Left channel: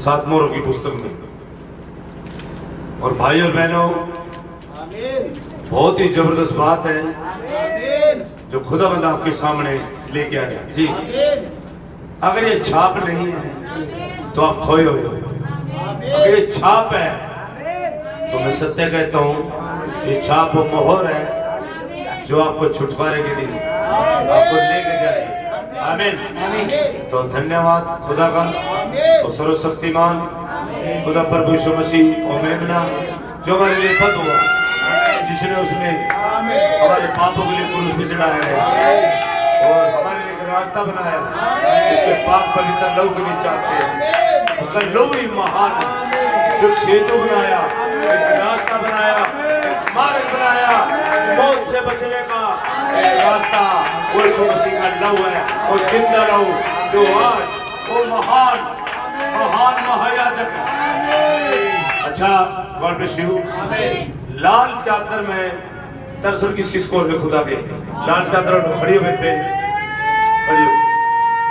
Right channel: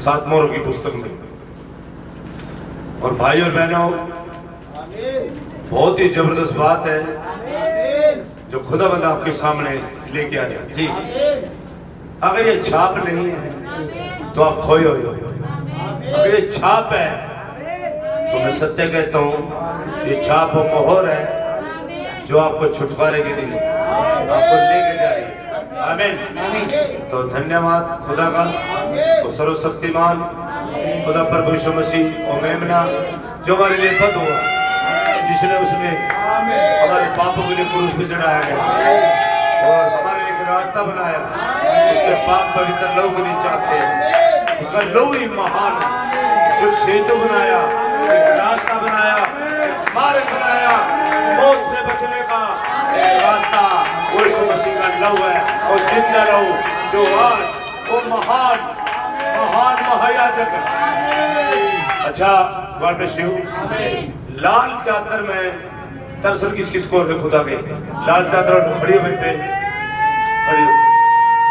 सात मोहरों की पुस्तक में। और भाई और बहनों, बहुत ही जबरदस्त बात है जो खुदावंद आपके सामने लेके आया जी। अगर ये छाप नहीं है तो आप खोए हुए हो। अगर ये छाप है तो मैं सत्य कहता हूँ, ये छाप वो मोहर है जो आपको छुटकारे के दिन आपको लेके जाएगी। आमीन। तो धन्यवाद खुदा का, वो सर्वशक्तिमान खुदा प्रभु यीशु मसीह और मेमना जो हमारे लिए पद हुआ, जिसने उसने हमारे पापों के लिए क्रूस पे चढ़ाया गया और हमारे लिए एक रास्ता बनाया। उसके पाप पवित्र लहू के नीचे आते हैं, उसका लहू ही महान है जो सेतु बनाया, एक रास्ता बनाया, एक मार्ग बनाया, मौत से बचने का एक रास्ता। वो यीशु मसीह का लहू है और जिंदा लहू जो आज वो महान महान महायाजक है। अच्छा, गॉड ब्लेस यू। लाल चादर में दरअसल किस किस को है खुदा के लाल चादर और खड़ी हुई पे खड़ी हो।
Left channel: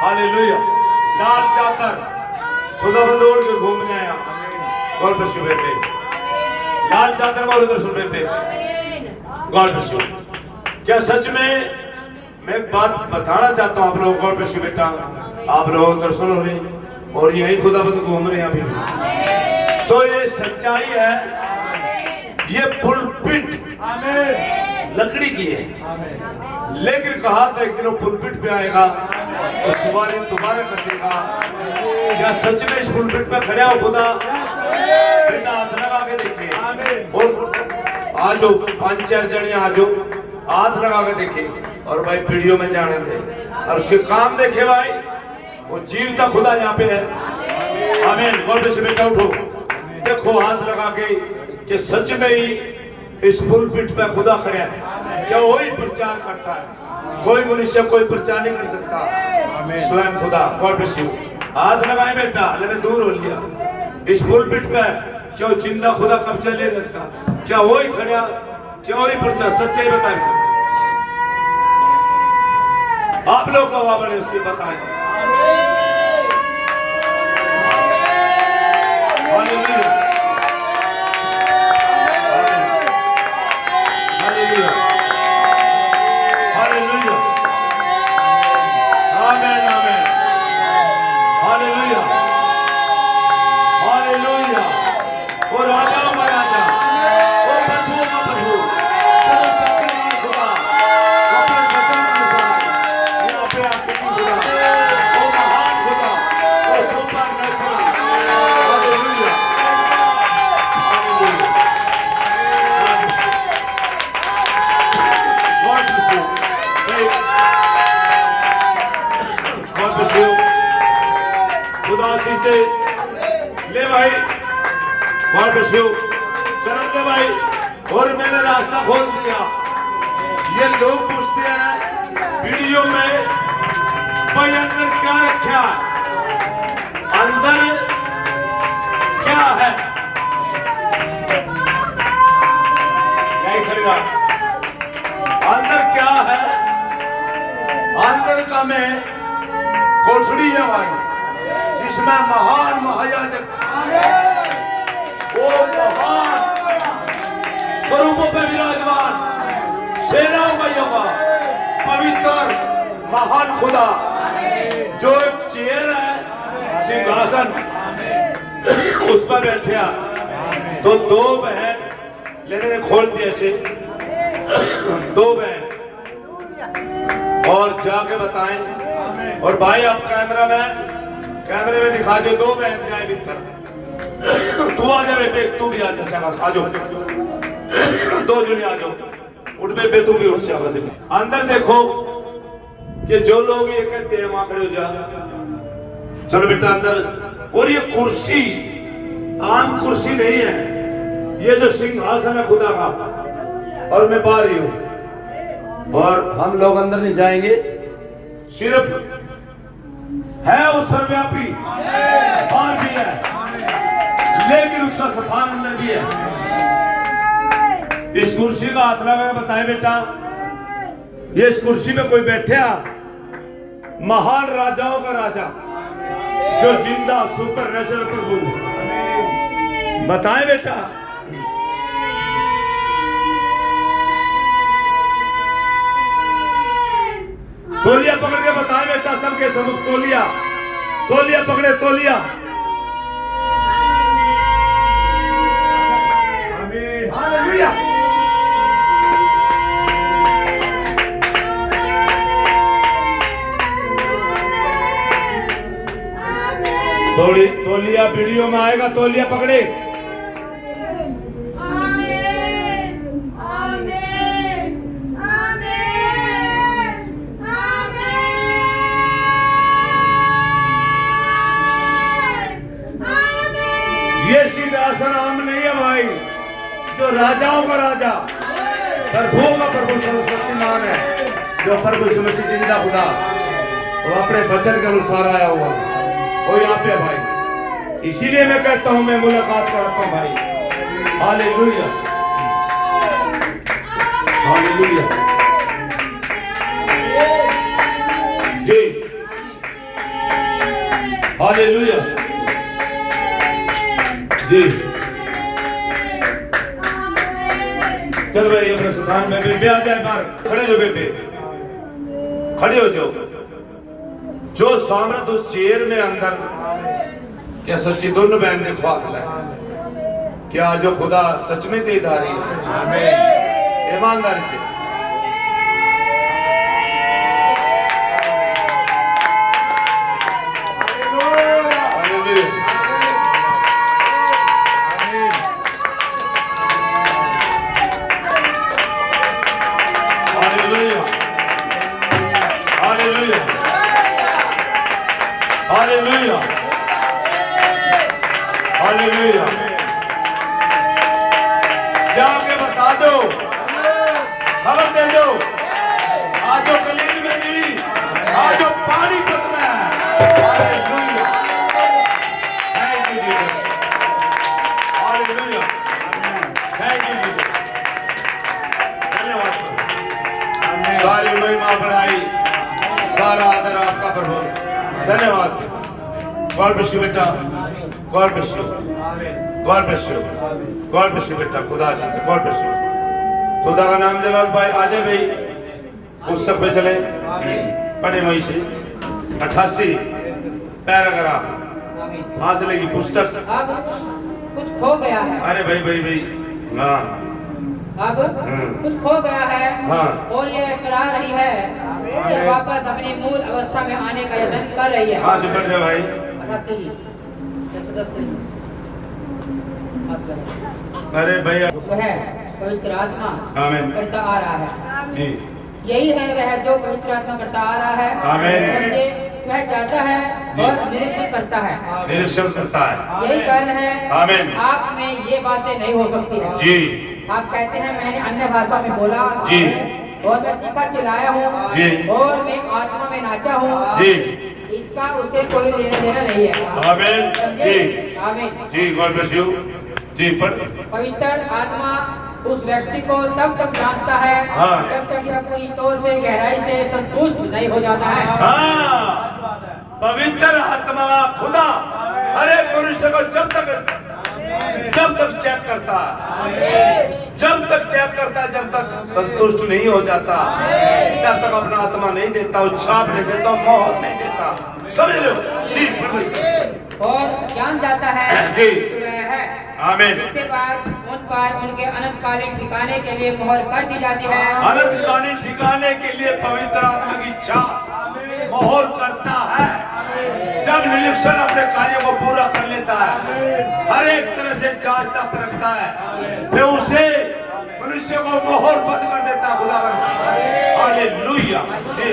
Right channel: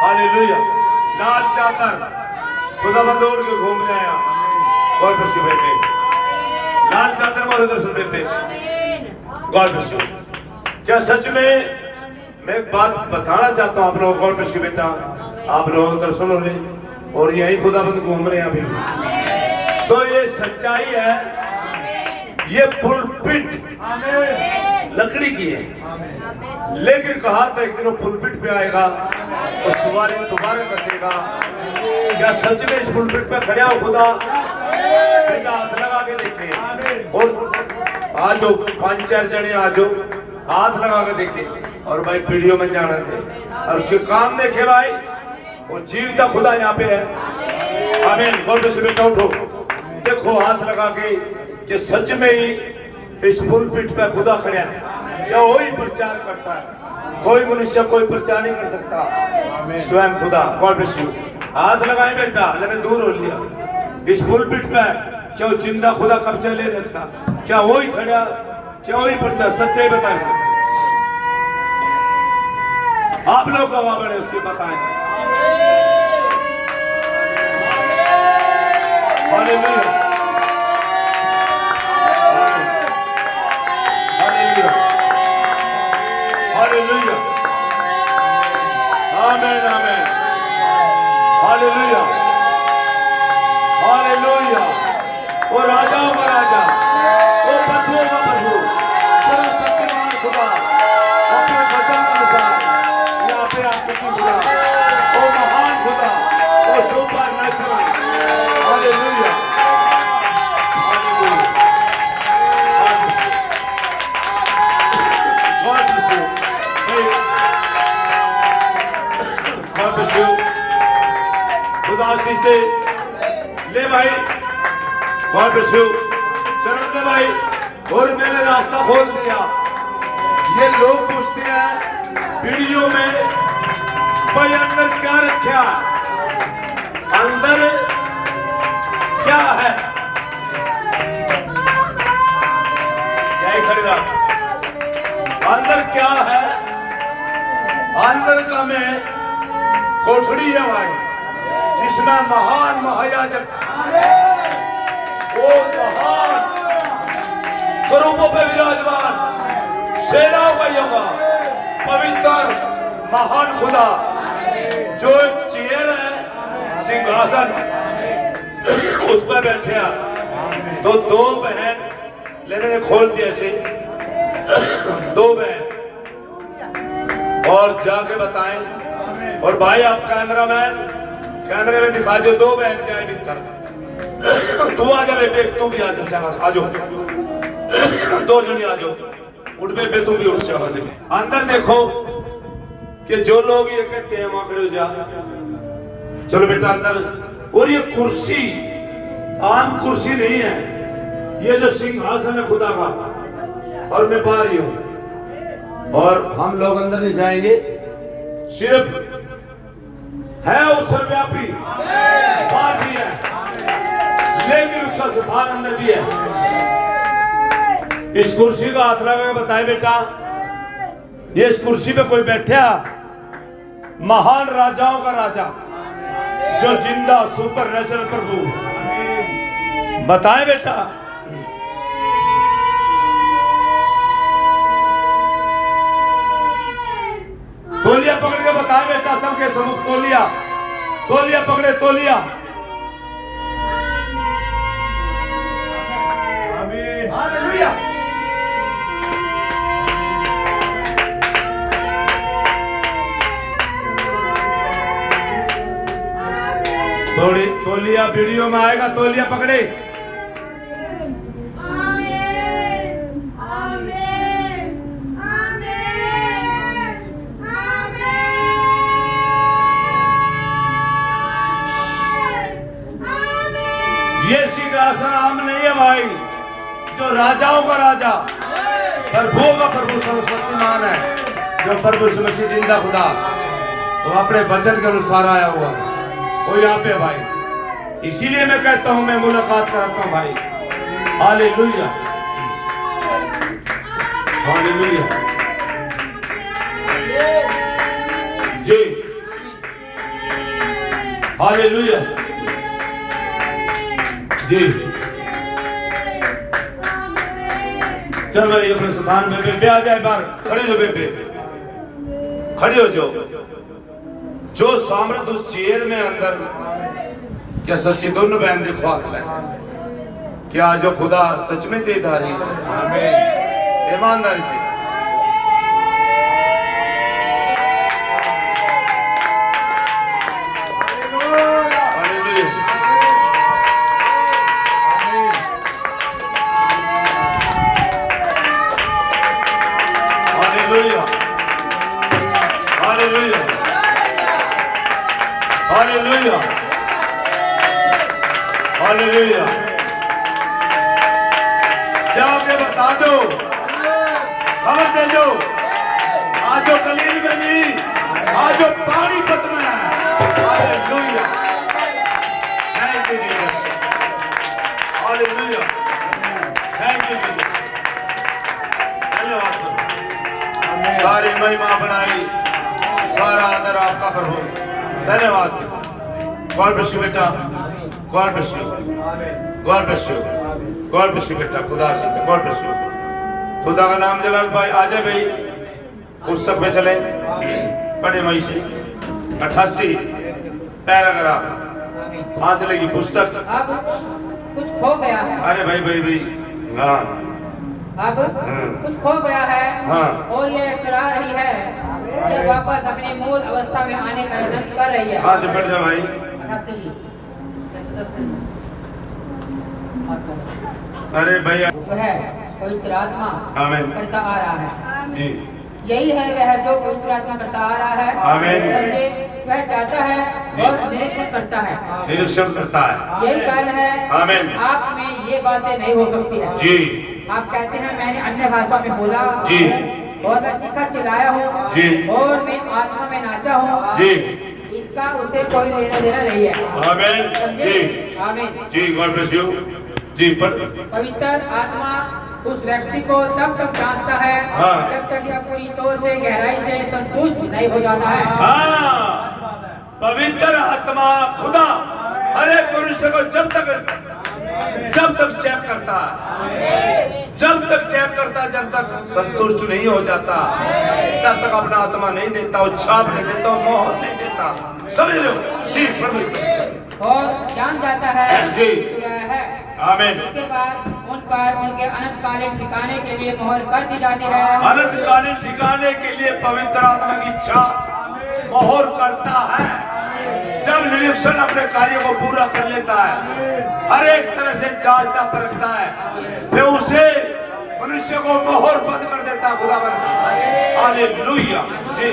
हालेलुया। लाल चादर खुदा बंदोड़ के घूमने आया गॉड ब्लेस यू बेटे। लाल चादर में उधर सुन बेटे गॉड ब्लेस यू। क्या सच में मैं एक बात बताना चाहता हूँ आप लोगों को, गॉड ब्लेस यू बेटा। आप लोग उधर सुनो रहे और यही खुदा बंद घूम रहे हैं अभी। तो ये सच्चाई है, ये पुलपिट लकड़ी की है, लेकिन कहा था एक दिन वो पुलपिट पे आएगा और सवारी दोबारा कसेगा। क्या सच में इस पुलपिट पे खड़ा हो खुदा बेटा? हाथ लगा के देखे और आज 5-4 जने आज हाथ लगा के देखे और भाई पीढ़ियों में जाना थे और उसके काम देखे भाई। वो जीवता खुदा यहाँ पे है। आमीन। गॉड ब्लेस यू बेटा। उठो देखो हाथ लगा के कि सच में ही इस पुलपिट पे खुदा खड़ा है। क्या वही प्रचार करता है? कोई मनुष्य कोई प्रचार नहीं कर सकता, स्वयं खुदा। God bless you. हाथ लगाए बेटा, लगे दूर हो लिया। इस पुलपिट पे क्या जिंदा खुदा कब्जा ले रहा इसका? क्या वही खड़ा? क्या वही प्रचार? सच्चाई बताए आप लोग गवाह बड़े उसकी बताएं। हालेलुया। हालेलुया। हालेलुया। आमीन आमीन। हालेलुया। हालेलुया। वो राजाओं का राजा, वो प्रभुओं का प्रभु, सर्वशक्तिमान खुदा अपने वचन के अनुसार यहाँ पे आपके खुदा, वो महान खुदा, वो super natural. Hallelujah. Hallelujah. God bless you. God bless you. खुदा आशीष दे। ले भाई, गॉड ब्लेस यू। चरण दे भाई। और मैंने रास्ता खोल दिया। ये लोग पूछते हैं वीडियो में भाई अंदर क्या रखा, अंदर क्या है? यही खड़ा अंदर क्या है? अंदर का में कोठड़ी है भाई, जिसमें महान महायाजक, वो महान करूबों पे विराजमान, सेनाओं का यहोवा, पवित्र महान खुदा, जो एक चेयर है, सिंहासन, उस पर बैठा। तो 2 बहन मैंने खोल दिए से 2 बहन और जाके बताएं। और भाई आप कैमरामैन कैमरे में दिखा दो 2 बहन जाए भीतर। तू आ जा बेटे, तू भी आ जा सहवास, आ जाओ 2 जने आ जाओ। उठ बेटे तू भी उठ सहवास। अंदर देखो कि जो लोग ये कहते हैं वहां खड़े हो जा। चलो बेटा अंदर। और ये कुर्सी आम कुर्सी नहीं है, ये जो सिंहासन है खुदा का, और मैं बाहर ही हूं और हम लोग अंदर नहीं जाएंगे। सिर्फ है वो सर्वव्यापी, बाहर भी है, लेकिन उसका स्थान अंदर भी है। इस कुर्सी का हाथ लगा के बताए बेटा, ये इस कुर्सी पे कोई बैठा महान राजाओं का राजा, जो जिंदा सुपर नेचुरल प्रभु बताए बेटा। तोलिया पकड़ के बताए बेटा, सबके सबूत तोलिया, तोलिया पकड़े, तोलिया। आमीन, हालेलुया। तोलिया वीडियो में आएगा, तोलिया पकड़े। ये सिंहासन आम नहीं है भाई, जो राजाओं का राजा, प्रभुओं का प्रभु, सर्वशक्तिमान है, जो प्रभु सुमसी जिंदा खुदा, वो अपने वचन के अनुसार आया हुआ है, वो यहाँ पे भाई। इसीलिए मैं कहता हूँ, मैं मुलाकात करता हूँ भाई। हालेलुया, हालेलुया जी, हालेलुया जी। चल भाई अपने स्थान में बेबे आ जाए बाहर, खड़ी हो बेबे, खड़ी हो जाओ। जो सामर्थ उस चेयर में अंदर, क्या सच्ची दोनों बहन देखो आखिर क्या जो खुदा सच में दे रही है। आमीन, ईमानदारी से। Hallelujah, hallelujah. जाके बता दो, खबर दे दो, आज जो कलील में नहीं, आज जो पानी पत में है। Hallelujah, thank you Jesus, hallelujah, thank you Jesus. धन्यवाद, सारी महिमा बढ़ाई, सारा आदर आपका प्रभु। धन्यवाद। गॉड ब्लेस यू बेटा, God bless you, God bless you, God bless you बेटा, खुदा से गॉड ब्लेस यू। खुदा का नाम जलाल भाई। आ जाए भाई, पुस्तक में चले, पढ़े वहीं से 88 पैराग्राफ फासले की पुस्तक। अब कुछ खो गया है। अरे भाई भाई भाई, हाँ, अब कुछ खो गया है, हाँ, और ये करा रही है, ये वापस अपनी मूल अवस्था में आने का यत्न कर रही है। कहाँ से पढ़ रहे भाई? 88 जी, 110 अरे भैया, जो है पवित्र आत्मा आमीन करता आ रहा है जी, यही है वह जो पवित्र आत्मा करता आ रहा है। आमीन। समझे, वह जाता है और निरीक्षण करता है, निरीक्षण करता है। यही कारण है आमीन। आप में ये बातें नहीं हो सकती है जी। आप कहते हैं मैंने अन्य भाषा में बोला जी, और मैं चीखा चिल्लाया हूँ जी, और मैं आत्मा में नाचा हूँ जी, इसका उससे कोई लेना देना नहीं है। आमीन जी, आमीन जी, गॉड ब्लेस यू जी। पढ़। पवित्र आत्मा उस व्यक्ति को तब तक जांचता है, हाँ, जब तक यह पूरी तौर से गहराई से संतुष्ट नहीं हो जाता है। हाँ, पवित्र आत्मा खुदा हर एक मनुष्य को जब तक चेक करता है, जब तक चेक करता है, जब तक संतुष्ट नहीं हो जाता, तब तक अपना आत्मा नहीं देता, वो छाप नहीं देता, मोहर नहीं देता। समझ रहे हो जी? और जान जाता है जी, है। आमीन। इसके बाद उन पर उनके अनंतकालीन ठिकाने के लिए मोहर कर दी जाती है। अनंतकालीन ठिकाने के लिए पवित्र आत्मा की इच्छा मोहर करता है। जब निरीक्षण अपने कार्यों को पूरा कर लेता है, हर एक तरह से जांचता परखता है, फिर उसे मनुष्य को मोहर बंद कर देता खुदा। हालेलुया जी।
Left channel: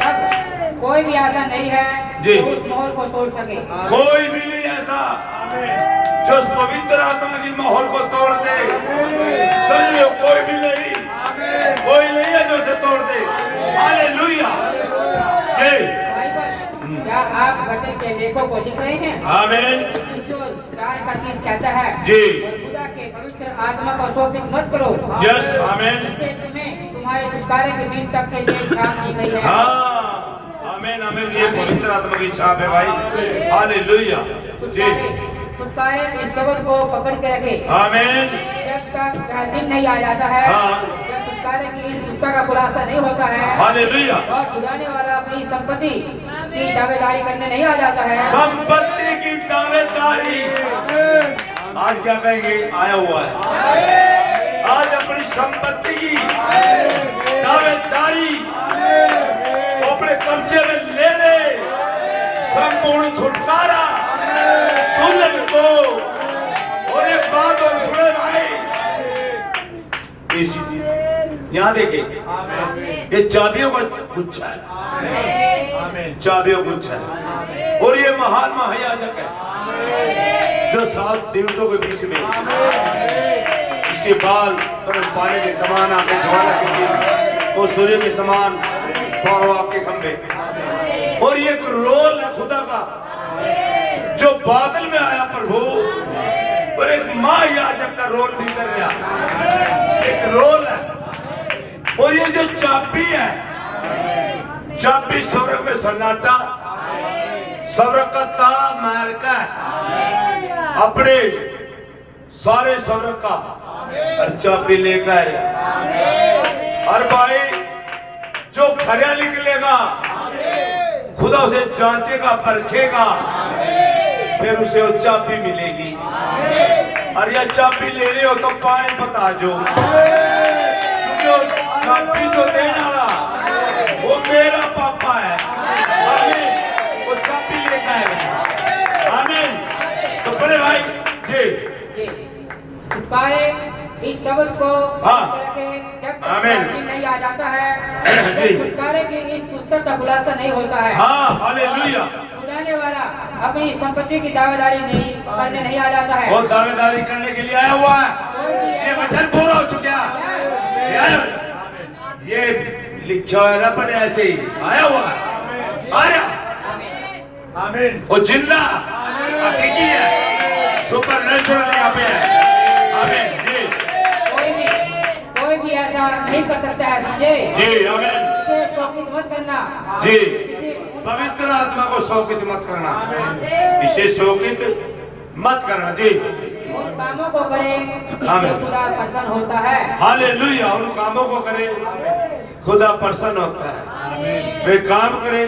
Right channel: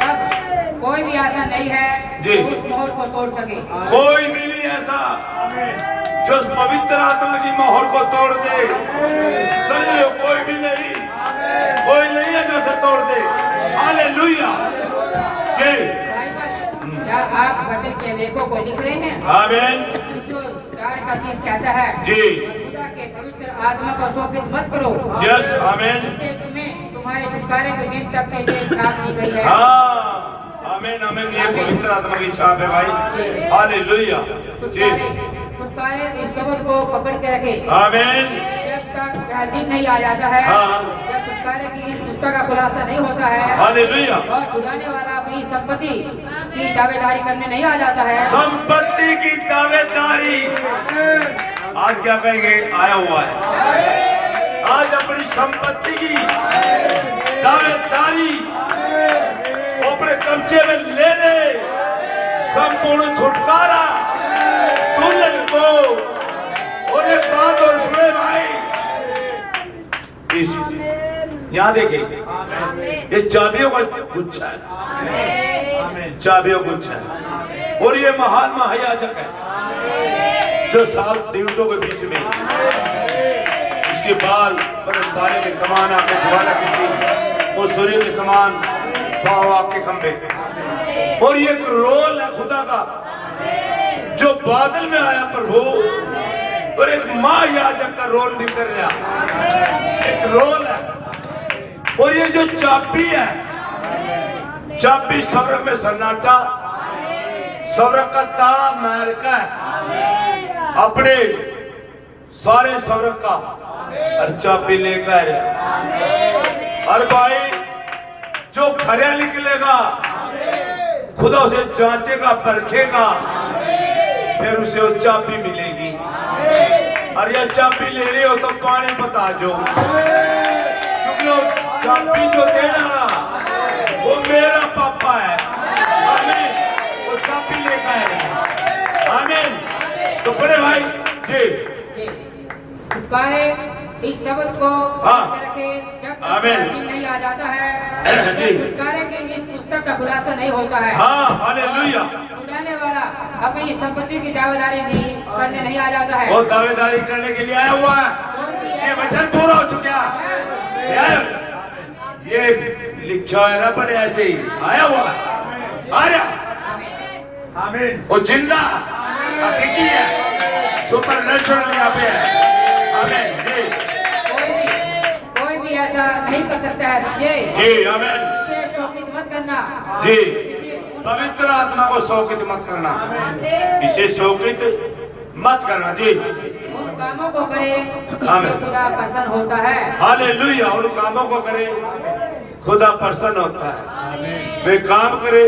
तब कोई भी ऐसा नहीं है जी, जो उस मोहर को तोड़ सके। कोई भी नहीं ऐसा जो उस पवित्र आत्मा की मोहर को तोड़ दे। समझिए, कोई भी नहीं, कोई नहीं है जो उसे तोड़ दे। हालेलुया जी। क्या आप वचन के लेखों को लिख रहे हैं? आमीन। 4:30 कहता है जी, खुदा के पवित्र आत्मा को शोकित मत करो। यस, आमीन। इससे तुम्हें तुम्हारे छुटकारे के दिन तक के लिए छाप दी गई है। हाँ, आमीन आमीन। ये पवित्र आत्मा की छाप है भाई। हालेलुया जी। छुटकारे इस शब्द को पकड़ के रखे। आमीन। जब तक वह दिन नहीं आ जाता है, हाँ। जब छुटकारे की इस पुस्तक का खुलासा नहीं होता है, हालेलुया। और छुड़ाने वाला अपनी संपत्ति की दावेदारी करने नहीं आ जाता है। संपत्ति की दावेदारी आज क्या कहेंगे, आया हुआ है। आज अपनी संपत्ति की दावेदारी अपने कब्जे में लेने, संपूर्ण छुटकारा दुल्हन को। और एक बात और सुने भाई, इस यहाँ देखिए, ये चाबियों का गुच्छा है, चाबियों का गुच्छा है। और ये महान महायाजक है जो 7 देवतों के बीच में, इसके बाल बर्फ पानी के समान, आंखें ज्वाला किसी, और सूर्य के समान पांव आपके खंभे। और ये एक रोल है खुदा का जो बादल में आया प्रभु, और एक महायाजक का रोल भी कर रहा, एक रोल है। और ये जो चाबी है, चाबी स्वर्ग में सन्नाटा, स्वर्ग का ताला मार का अपने सारे स्वर्ग का और चाबी लेकर। और भाई जो खरा निकलेगा खुदा उसे जांचेगा, परखेगा, फिर उसे वो चाबी मिलेगी। और यह चाबी लेनी हो तो पानी बता जो, क्योंकि वो चाबी जो देना वो मेरा पापा है। आमीन। वो चाबी लेता है। आमीन। तो बड़े भाई जी, छुटकारे इस शब्द को हाँ। रखे। जब आमीन। तक दिन नहीं आ जाता है, जी। छुटकारे की इस पुस्तक का खुलासा नहीं होता है। हाँ हालेलुया। छुड़ाने वाला अपनी संपत्ति की दावेदारी नहीं करने नहीं आ जाता है। वो दावेदारी करने के लिए आया हुआ है। कोई भी ये वचन पूरा हो चुका है। ये लिखा है ना, बड़े ऐसे ही आया हुआ है। आ रहा आमीन। वो जिंदा हकीकी है, सुपर नेचुरल यहाँ पे है। आमीन जी। कोई भी ऐसा नहीं कर सकता है, समझे? जी आमीन इसे शोकित मत करना। जी। पवित्र आत्मा को शोकित मत करना, इसे शोकित मत करना जी। उन कामों को करे जिससे खुदा प्रसन्न होता है। हालेलुया। उन कामों को करे खुदा प्रसन्न होता है, वे काम करे।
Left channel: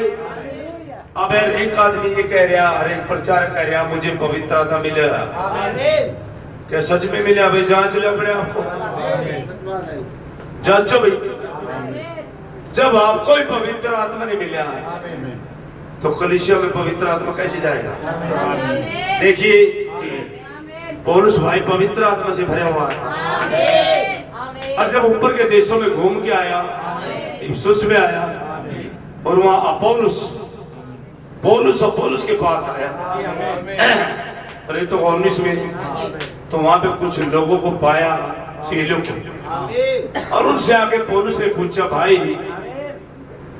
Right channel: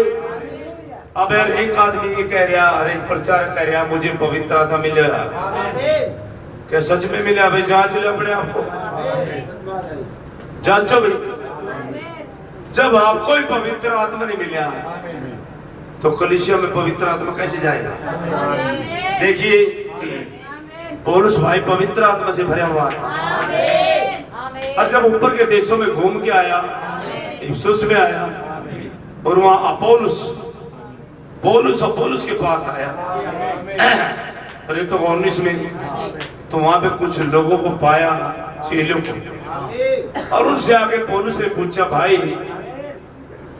अब यार एक आदमी ये कह रहा, हर एक प्रचारक कह रहा मुझे पवित्र आत्मा मिला, क्या सच में मिला? भाई जांच लो अपने आप को, जांचो भाई। जब आपको ही पवित्र आत्मा नहीं मिला तो कलीसिया में पवित्र आत्मा कैसे जाएगा? देखिए पौलुस भाई पवित्र आत्मा से भरा हुआ था, और जब ऊपर के देशों में घूम के आया, इफिसुस में आया, और वहां पौलुस के पास आया, अरे तो 19 में, तो वहां पे कुछ लोगों को पाया, चेलों को, और उनसे आके पौलुस ने पूछा, भाई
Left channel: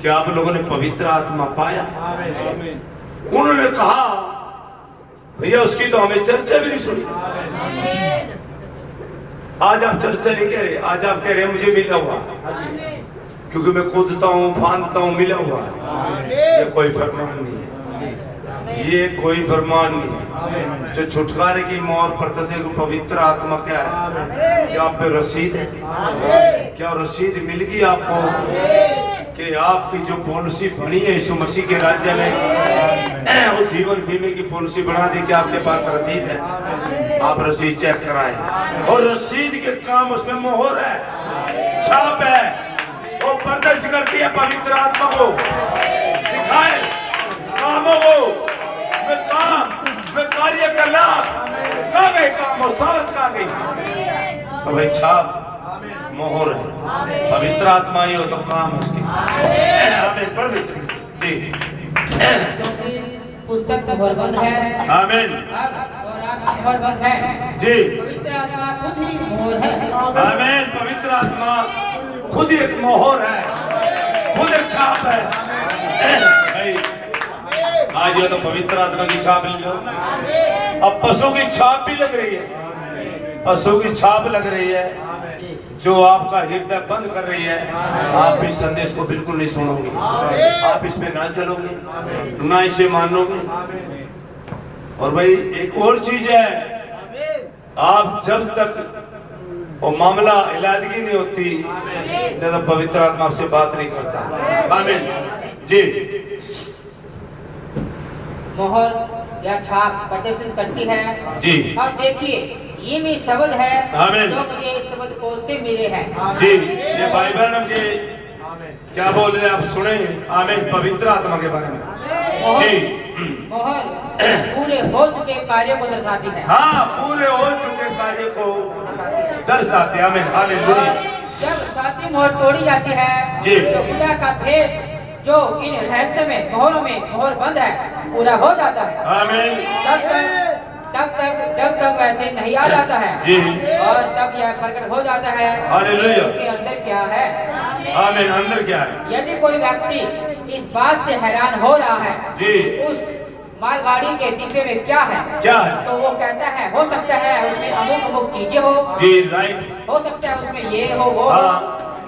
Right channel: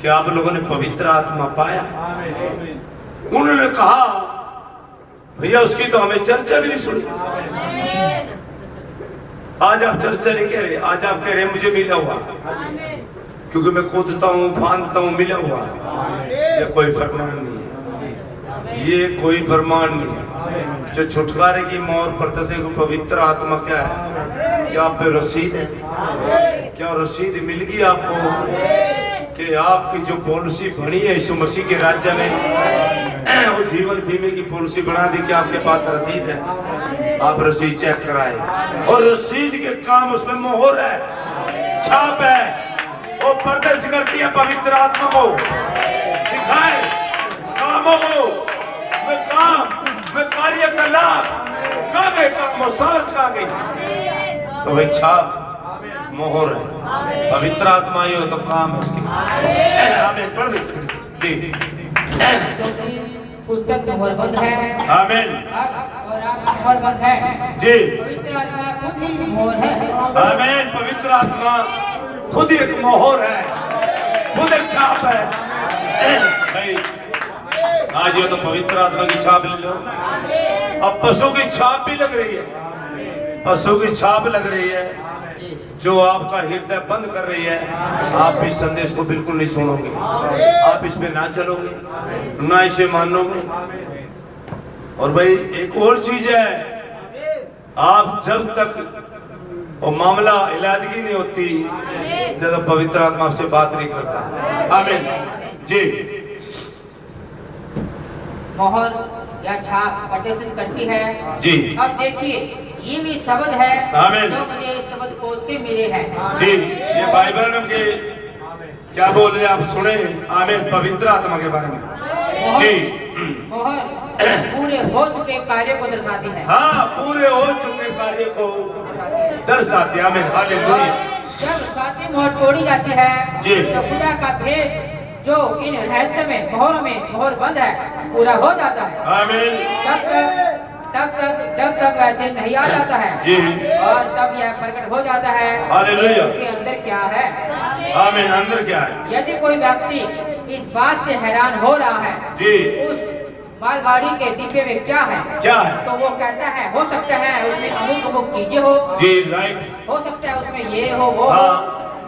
क्या आप लोगों ने पवित्र आत्मा पाया? उन्होंने कहा, भैया उसकी तो हमें चर्चा भी नहीं सुनी। आज आप चर्चा नहीं कह रहे, आज आप कह रहे मुझे मिला हुआ, क्योंकि मैं कूदता हूँ, फांदता हूँ, मिला हुआ। ये कोई फरमान नहीं है, ये कोई फरमान नहीं है। जो छुटकारे की मोहर परतसे को पवित्र आत्मा क्या है? क्या आप पे रसीद है? क्या रसीद मिल गई आपको कि आपकी जो पॉलिसी बनी है यीशु मसीह के राज्य में, वो जीवन बीमे की पॉलिसी बना दी कि आपके पास रसीद है? आप रसीद चेक कराए, और रसीद के काम उसमें मोहर है, छाप है, वो प्रदर्शित करती है पवित्र आत्मा को, दिखाए कामों को। मैं कार्यकलाप कहाँ गए, काम और सावत कहाँ गई? तो भाई छाप मोहर है, पवित्र आत्मा ही हो तो काम है उसकी। आमीन। पढ़ ले जी। पुस्तक मोहरबंद है। आमीन। और आप मोहरबंद है जी। पवित्र आत्मा खुद ही मोहर है। आमीन। पवित्र आत्मा खुद ही एक मोहर है, खुद एक छाप है। भाई आज ये तो पवित्र आत्मा की छाप ले लो। अब पशु की छाप भी लग रही है, पशु की छाप लग रही है, जो आपका हृदय बंद कर रही है, आप इस संदेश को बिल्कुल नहीं सुनोगे, आप इसमें ना चलोगे, ना इसे मानोगे। और भाई एक और चीज है, आप जब तक वो मामला इलादगी नहीं होती, जब पवित्र आत्मा से बात नहीं करता। आमीन जी। मोहर या छाप प्रदर्शित करती है जी। अब देखिए, ये भी शब्द है आमीन। जो मुझे इस शब्द कोश से मिले हैं। जी, ये बाइबल नाम के क्या बोल रहे हैं आप सुने। आमीन। पवित्र आत्मा के बारे में जी। मोहर पूरे हो चुके कार्य को दर्शाती है। हाँ, पूरे हो चुके कार्य को दर्शाती है। आमीन हालेलुया। जब सातवीं मोहर तोड़ी जाती है जी। तो खुदा का भेद जो इन रहस्य में मोहर बंद है पूरा हो जाता है। आमीन। तब तक जब तक वह दिन नहीं आ जाता है जी। और तब यह प्रकट हो जाता है हालेलुया। उसके अंदर क्या है। आमीन। अंदर क्या है? यदि कोई व्यक्ति इस बात से हैरान हो रहा है जी। उस मालगाड़ी के डिब्बे में क्या है, तो वो कहता है हो सकता है उसमें अमुक चीजें हो। जी, राइट। हो सकता है उसमें ये हो वो हो।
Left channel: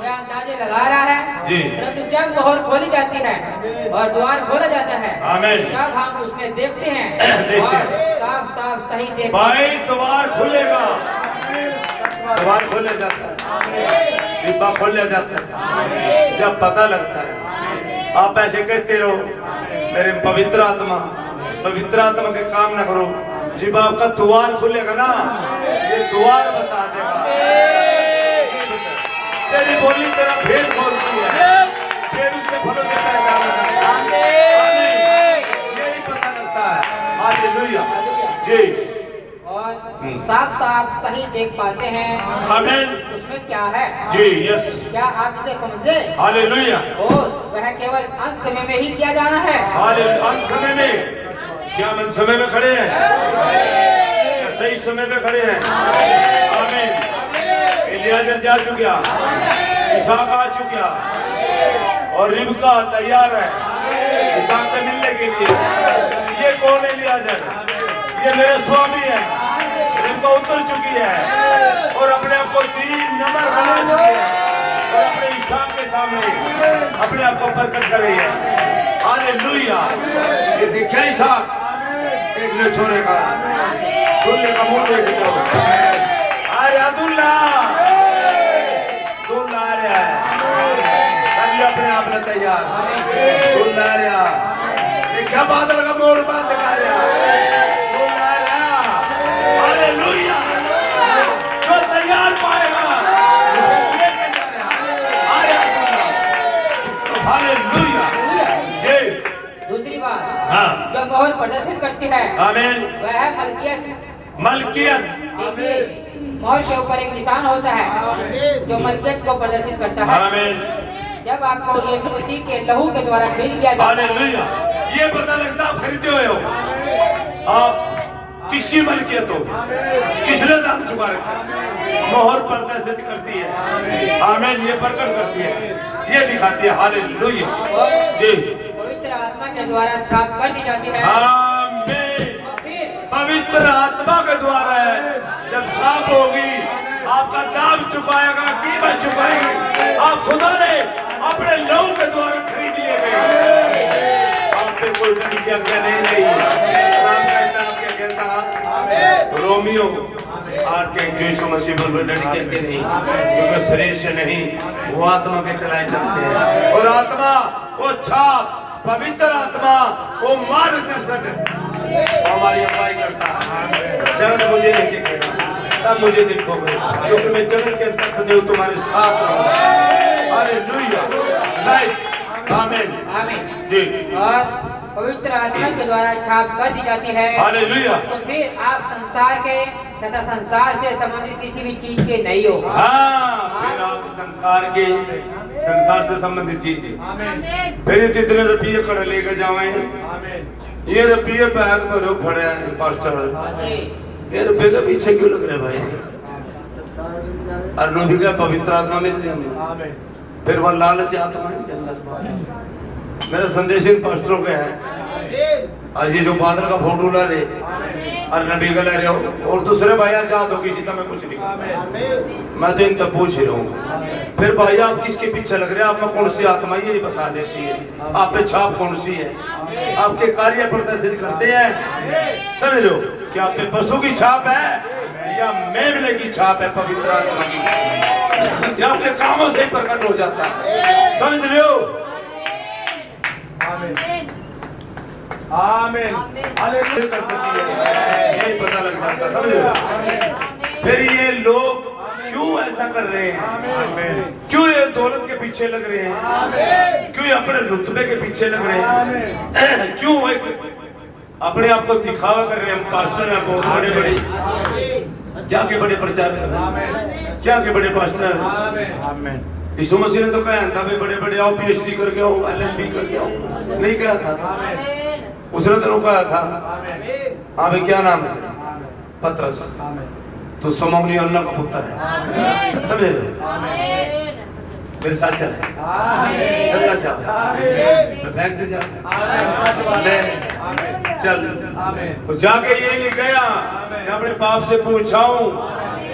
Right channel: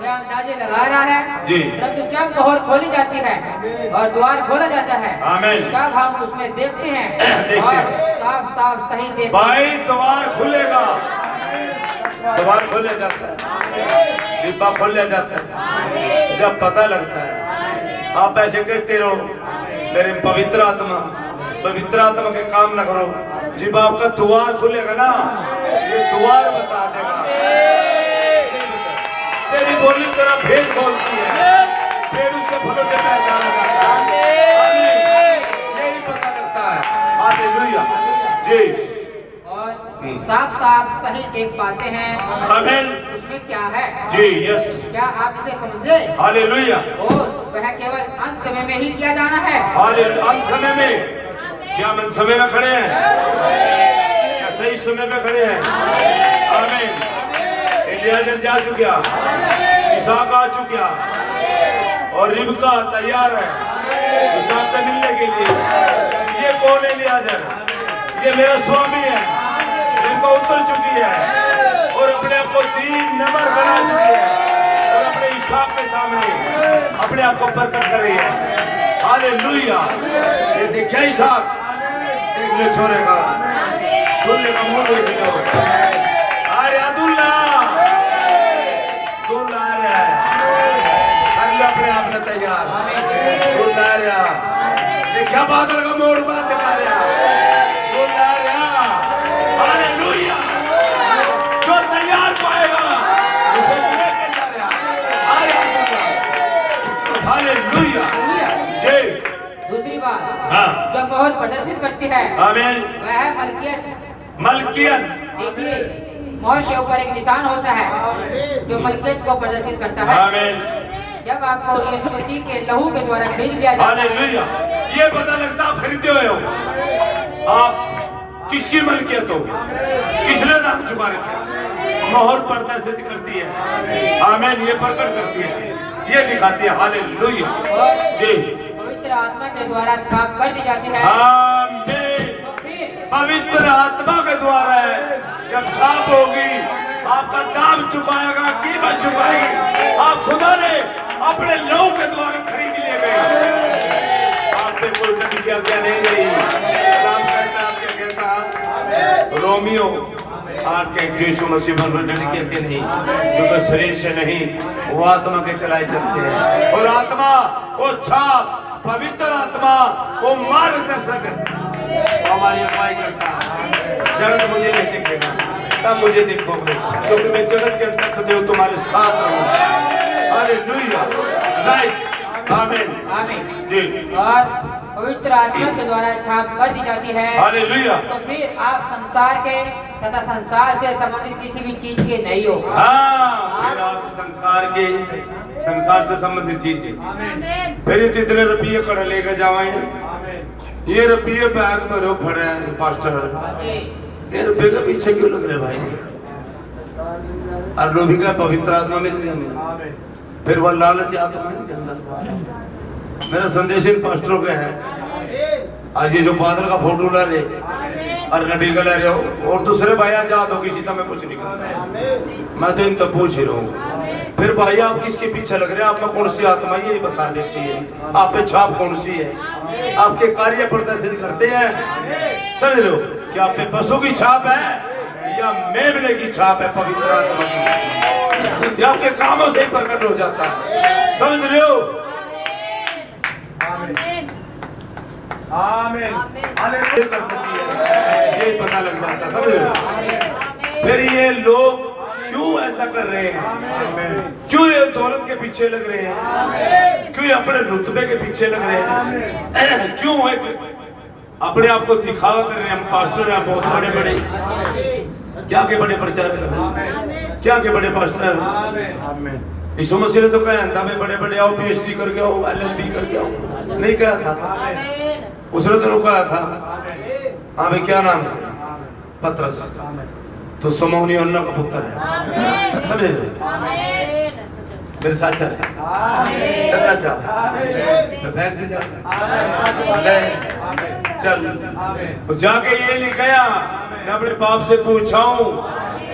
वह अंदाजे लगा रहा है जी। परंतु जब मोहर खोली जाती है और द्वार खोला जाता है आमीन। तब हम उसमें देखते हैं देखते और हैं। साफ सही देखते भाई द्वार खुलेगा, द्वार खोला जाता है, डिब्बा खोला जाता है। जब पता लगता है, आप ऐसे कहते रहो मेरे पवित्र आत्मा के काम ना करो, जब आपका द्वार खुलेगा ना, ये द्वार बता देगा। तेरी बोली तेरा भेद खोलती है, फिर उसके फलों से पहचाना जाता है। यही पता लगता है। हालेलुया जी। और साफ सही देख पाते हैं आमीन। उसमें क्या है जी। यस। क्या आप इसे समझे। हालेलुया। और वह केवल अंत समय में ही किया जाना है। हालेलुया। अंत समय में क्या हम समय में खड़े हैं या सही समय में खड़े हैं? आमीन। एलियाजर जा चुका, इसहाक आ चुका और रिबका तैयार है इसहाक से मिलने के लिए। ये कौन है? एलियाजर, ये मेरे स्वामी है। रिबका उतर चुकी है और अपने आप को 3 नंबर बना चुकी है और अपने इसहाक के सामने अपने आप को प्रकट कर रही है। हालेलुया। ये देखा इसहाक, देख लो छोरे का, दूल्हे का मुंह देख लो। अरे अब्दुल्ला दूल्हा आ रहा है, कर लो अपने आप में तैयार। दूल्हा आ रहा, देखा बादल का मोड़ बांध दिखा रहा, दूल्हा आ रहा। हालेलुया। जो तैयार पाएगा उसे लेके जा रहा। आ रहा दूल्हा। हालेलुया जी। दूसरी बात, हाँ। जब मोहर प्रदर्शित करती है आमीन। वह है मलकियत। देखिए, मोहर के ऊपर एक निशान होता है जो मलकियत को प्रदर्शित करता है। आमीन। जब आपको यीशु मसीह के लहू के द्वारा खरीद लिया जाता है, हालेलुया। ये पता लगता आप खरीदे हुए हो, आप किसकी मलकियत हो, किसने दाम चुका रखे। मोहर प्रदर्शित करती है। आमीन। ये प्रकट करती है, ये दिखाती है। हालेलुया और जी। पवित्र आत्मा के द्वारा छाप कर दी जाती है। आमीन। और फिर पवित्र आत्मा के द्वारा जब छाप होगी, आपका दाम चुकाएगा, कीमत चुकाएगी। आप खुदा ने अपने लहू के द्वारा खरीद लिए गए। आप पे कोई डर की आज्ञा नहीं रही। राम कहता आपके कहता रोमियो 8 के 1 यीशु मसीह पर कोई डर की आज्ञा नहीं, क्योंकि शरीर से नहीं वो आत्मा के चलाए चलते हैं। और आत्मा वो छाप, पवित्र आत्मा वो मार्गदर्शक है, वो हमारी अगुवाई करता है। जगत मुझे नहीं देखेगा, तब मुझे देखोगे, क्योंकि मैं जगत के अंदर सदैव तुम्हारे साथ रहूंगा। Hallelujah right. आमीन। आमीन जी। और पवित्र आत्मा के द्वारा छाप कर दी जाती है। हालेलुया। तो फिर आप संसार के तथा संसार से संबंधित किसी भी चीज के नहीं हो। हाँ, फिर आप संसार से संबंधित चीज फिर तो इतने रुपये कड़े लेकर जावे। ये रुपये बैग में रो खड़े हैं पास्टर, ये रुपये का पीछे क्यों लग रहे भाई? और लोभी का पवित्र आत्मा मिल रही हमें, फिर वह लालची आत्मा है के अंदर। मेरा संदेश इन पास्टरों के है। आज ये जो बादल का फोटो ला रहे, और नबी गले रहो और दूसरे भाई आजाद हो किसी तुम्हें कुछ नहीं करता। मैं तो इन तो पूछ ही रहा हूँ। फिर भाई आप किसके पीछे लग रहे हैं? आप में कौन सी आत्मा यही बता देती है। आप पे छाप कौन सी है? आपके कार्य प्रदर्शित करते हैं, समझ लो कि आप पे पशु की छाप है या मेमने की छाप है, पवित्र आत्मा की। ये आपके कामों से ही प्रकट हो जाता है, समझ लो। आमीन। कर देती है, ये पता लग जाता है, समझ लो। फिर ये लोग क्यों ऐसा कर रहे हैं? क्यों ये दौलत के पीछे लग रहे हैं? क्यों ये अपने रुतबे के पीछे लग रहे हैं? क्यों अपने आप को दिखावा कर रहे हैं? हम पास्टर हैं बहुत बड़े बड़े, क्या के बड़े प्रचारक हैं, क्या के बड़े पास्टर हैं। यीशु मसीह ने तो कहा था भाई बड़े बड़े आओ, PhD करके आओ, LLB करके आओ, नहीं कहा था? उसने तो रुकाया था। हाँ भाई क्या नाम है तेरा? पतरस। तो समौनी अन्ना का पुत्र है, समझे लो। मेरे साथ चलना चाह तो फेंक दे जा ले चल। तो जाके ये नहीं कहा मैं अपने बाप से पूछाऊं,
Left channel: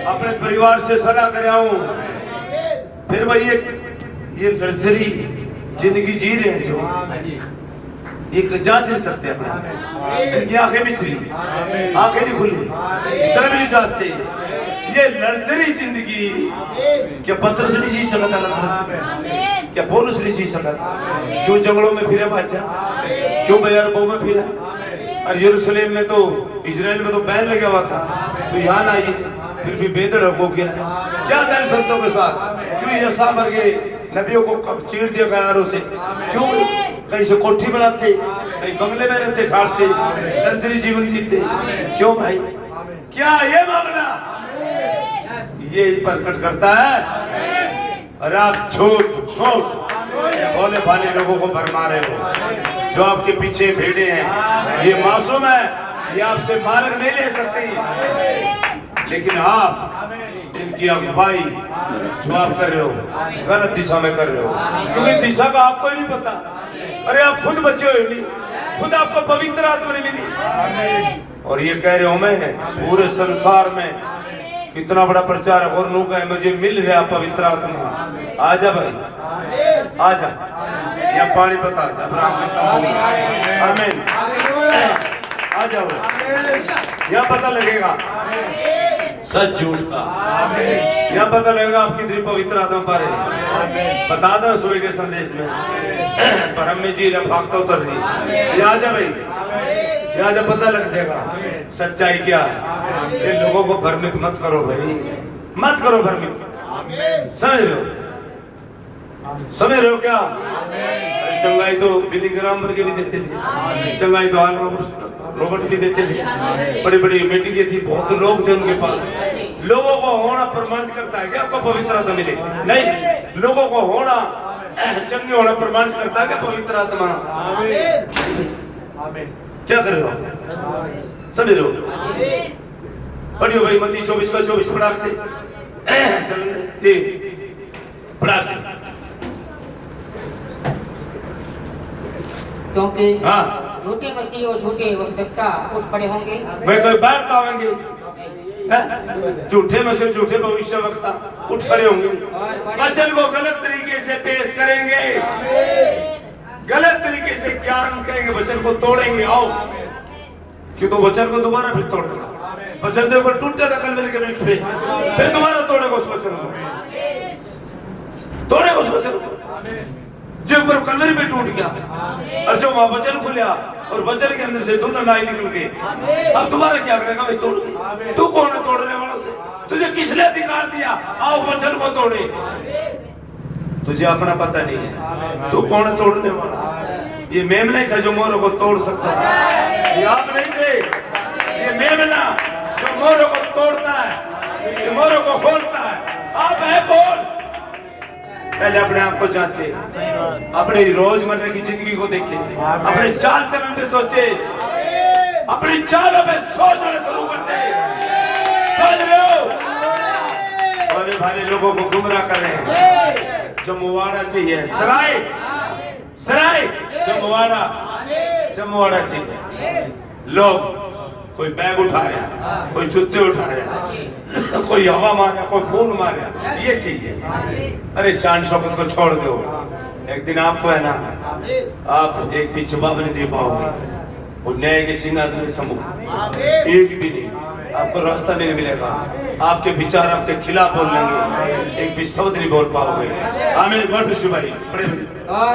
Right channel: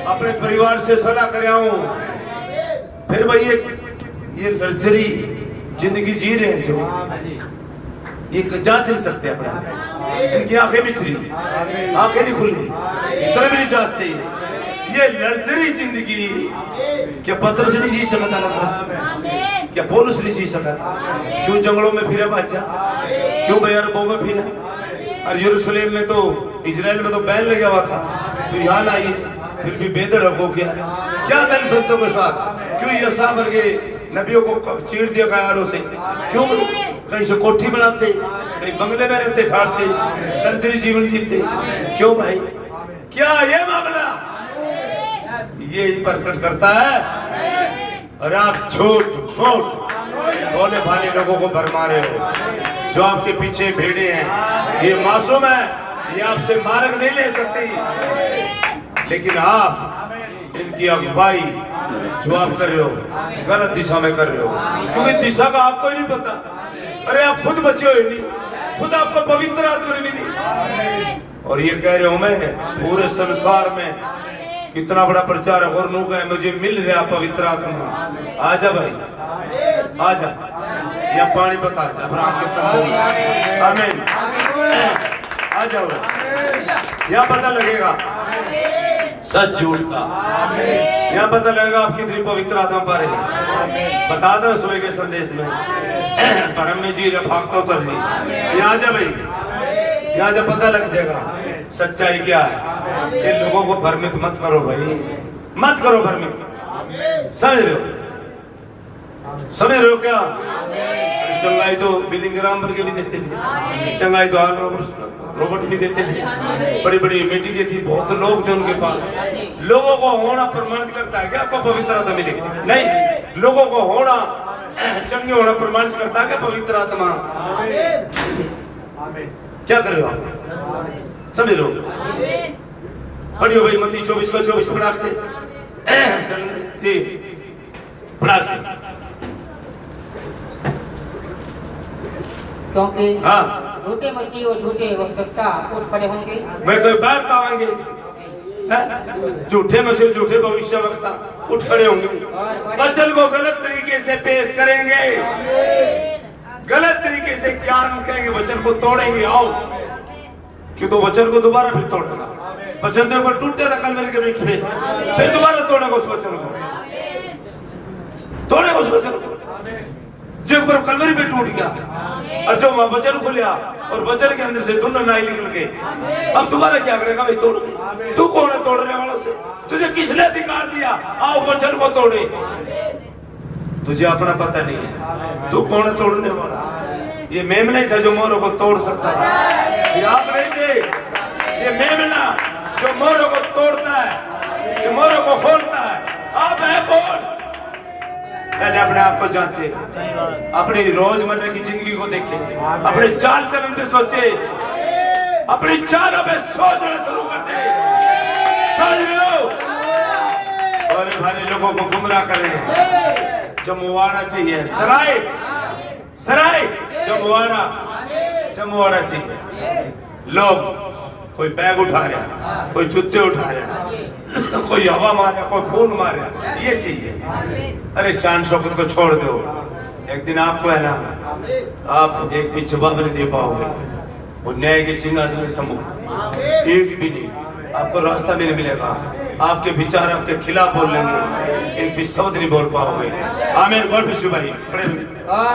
अपने परिवार से सलाह कराऊं। फिर वही ये लग्जरी जिंदगी जी रहे हैं जो ये जांच नहीं सकते अपने आप में। इनकी आंखें बिचरी, आंखें नहीं खुली, इतना भी नहीं चाहते। ये लग्जरी जिंदगी क्या पतरस नहीं जी सकता? लग्जरी क्या पौलुस नहीं जी सकता? क्यों जंगलों में फिरे बच्चा? क्यों बयारबों में फिरे? और यरूशलेम में तो, इजराइल में तो बैन लगा हुआ था, तो यहाँ आइए फिर भी बेधड़क हो गया है। क्या दल संतों के साथ? क्यों यसा भर के नबियों को चीर दिया गयारों से? क्यों कहीं से कोठी बनाते, कहीं बंगले में रहते, ठाट से लग्जरी जीवन जीते? क्यों भाई? क्या ये मामला ये प्रकट करता है? अरे आप झूठ भोले भाले लोगों को भरमा रहे हो। जो आपके पीछे भेड़े हैं ये मासूम है, ये आपसे मार्ग नहीं ले सकते, लेकिन आप इनकी अगुवाई जो आप कर रहे हो गलत दिशा में कर रहे हो, क्योंकि दिशा का आपको ही नहीं पता। अरे आप खुद बचे हो नहीं, खुद आपको पवित्र आत्मा नहीं मिली, और ये कह रहे हो मैं पूरे संसार में कितना बड़ा प्रचारक और नू का है, मुझे मिल रहा पवित्र आत्मा। आजा भाई आजा, या पानी बता जा के तंबू। आमीन। आ जाओ, यहाँ पता लगेगा सच झूठ का, यहाँ पता लगेगा आप कितनी पवित्र आत्मा पा रहे। बता दो सुबह के संदेश में परम में जी रफाकता उतर रही। यहाँ जा भाई, यहाँ जा पता लग जाएगा सच्चाई क्या है। इन लोगों को भ्रमित मत करो भाई, मत करो भ्रमित। समझ रहे हो? समझ रहे हो क्या? चंगाई तो बिली ग्राम के भी देते थे, चंगाई तो रोबोट भी देते थे, बड़ी बड़ी मीटिंगें थी, बहुत लोग थे उनके पास। लोगों को होना प्रमाणित करता है क्या आपको पवित्र आत्मा मिले? नहीं, लोगों को होना चंगे होना प्रमाणित करता है क्या पवित्र आत्मा? क्या कर रहे हो आप? समझ रहे हो? पढ़ियो भाई मत्ती 24 का 24 पढ़ाक से जी, पढ़ाक से। क्योंकि हाँ झूठे मसीह और झूठे भविष्यवक्ता उठ खड़े होंगे। वे कोई बात आवेंगे, झूठे मसीह झूठे भविष्यवक्ता उठ खड़े होंगे, वचन को गलत तरीके से पेश करेंगे, गलत तरीके से ज्ञान कहेंगे, वचन को तोड़ेंगे। आओ कि तो वचन को दोबारा फिर तोड़ेगा। वचन के ऊपर टूटे था कलवरी के वृक्ष पे, फिर दोबारा तोड़ेगा उस वचन को, तोड़ेगा उस वचन को जो ऊपर कलवरी पे टूट गया, और जो वहां वचन खुला और वचन के अंदर से दोनों नाई निकल गए। अब दोबारा क्या करेगा भाई? तोड़ गए। तू कौन है तोड़ने वालों से? तुझे किसने अधिकार दिया आओ वचन को तोड़े? तुझे अपना पता नहीं है, तू कौन है तोड़ने वाला? ये मेमना था जो मोरों को तोड़ सकता था, ये आप नहीं थे। ये मेमना जो मोरों को तोड़ता है, ये मोरों को खोलता है। आप है कौन? पहले अपने आप को जांचे, अपनी रोजमर्रा की जिंदगी को देखे, अपने चाल चलन पे सोचे, अपनी चालों पे सोचना शुरू कर दे। समझ रहे हो? और भारी लोगों को गुमराह कर रहे हैं। जमवाड़ा चाहिए, सराय सराय जमवाड़ा, जमवाड़ा चाहिए। लोग कोई बैग उठा रहा, कोई जूते उठा रहा, कोई हवा मार रहा, कोई फोन मार रहा, ये चीज है। अरे शान शौकत को छोड़ दो, एक दिन आपको है ना, आप एक भी जवाब नहीं दे पाओगे, वो न्याय के सिंहासन में सम्मुख एक भी नहीं, आपको रास्ता भी नहीं मिलेगा, आपके विचार आपके खिलाफ बोल लेंगे, एक भी शब्द नहीं बोल पाओगे। आमीन। गॉड ब्लेस यू भाई। बड़े और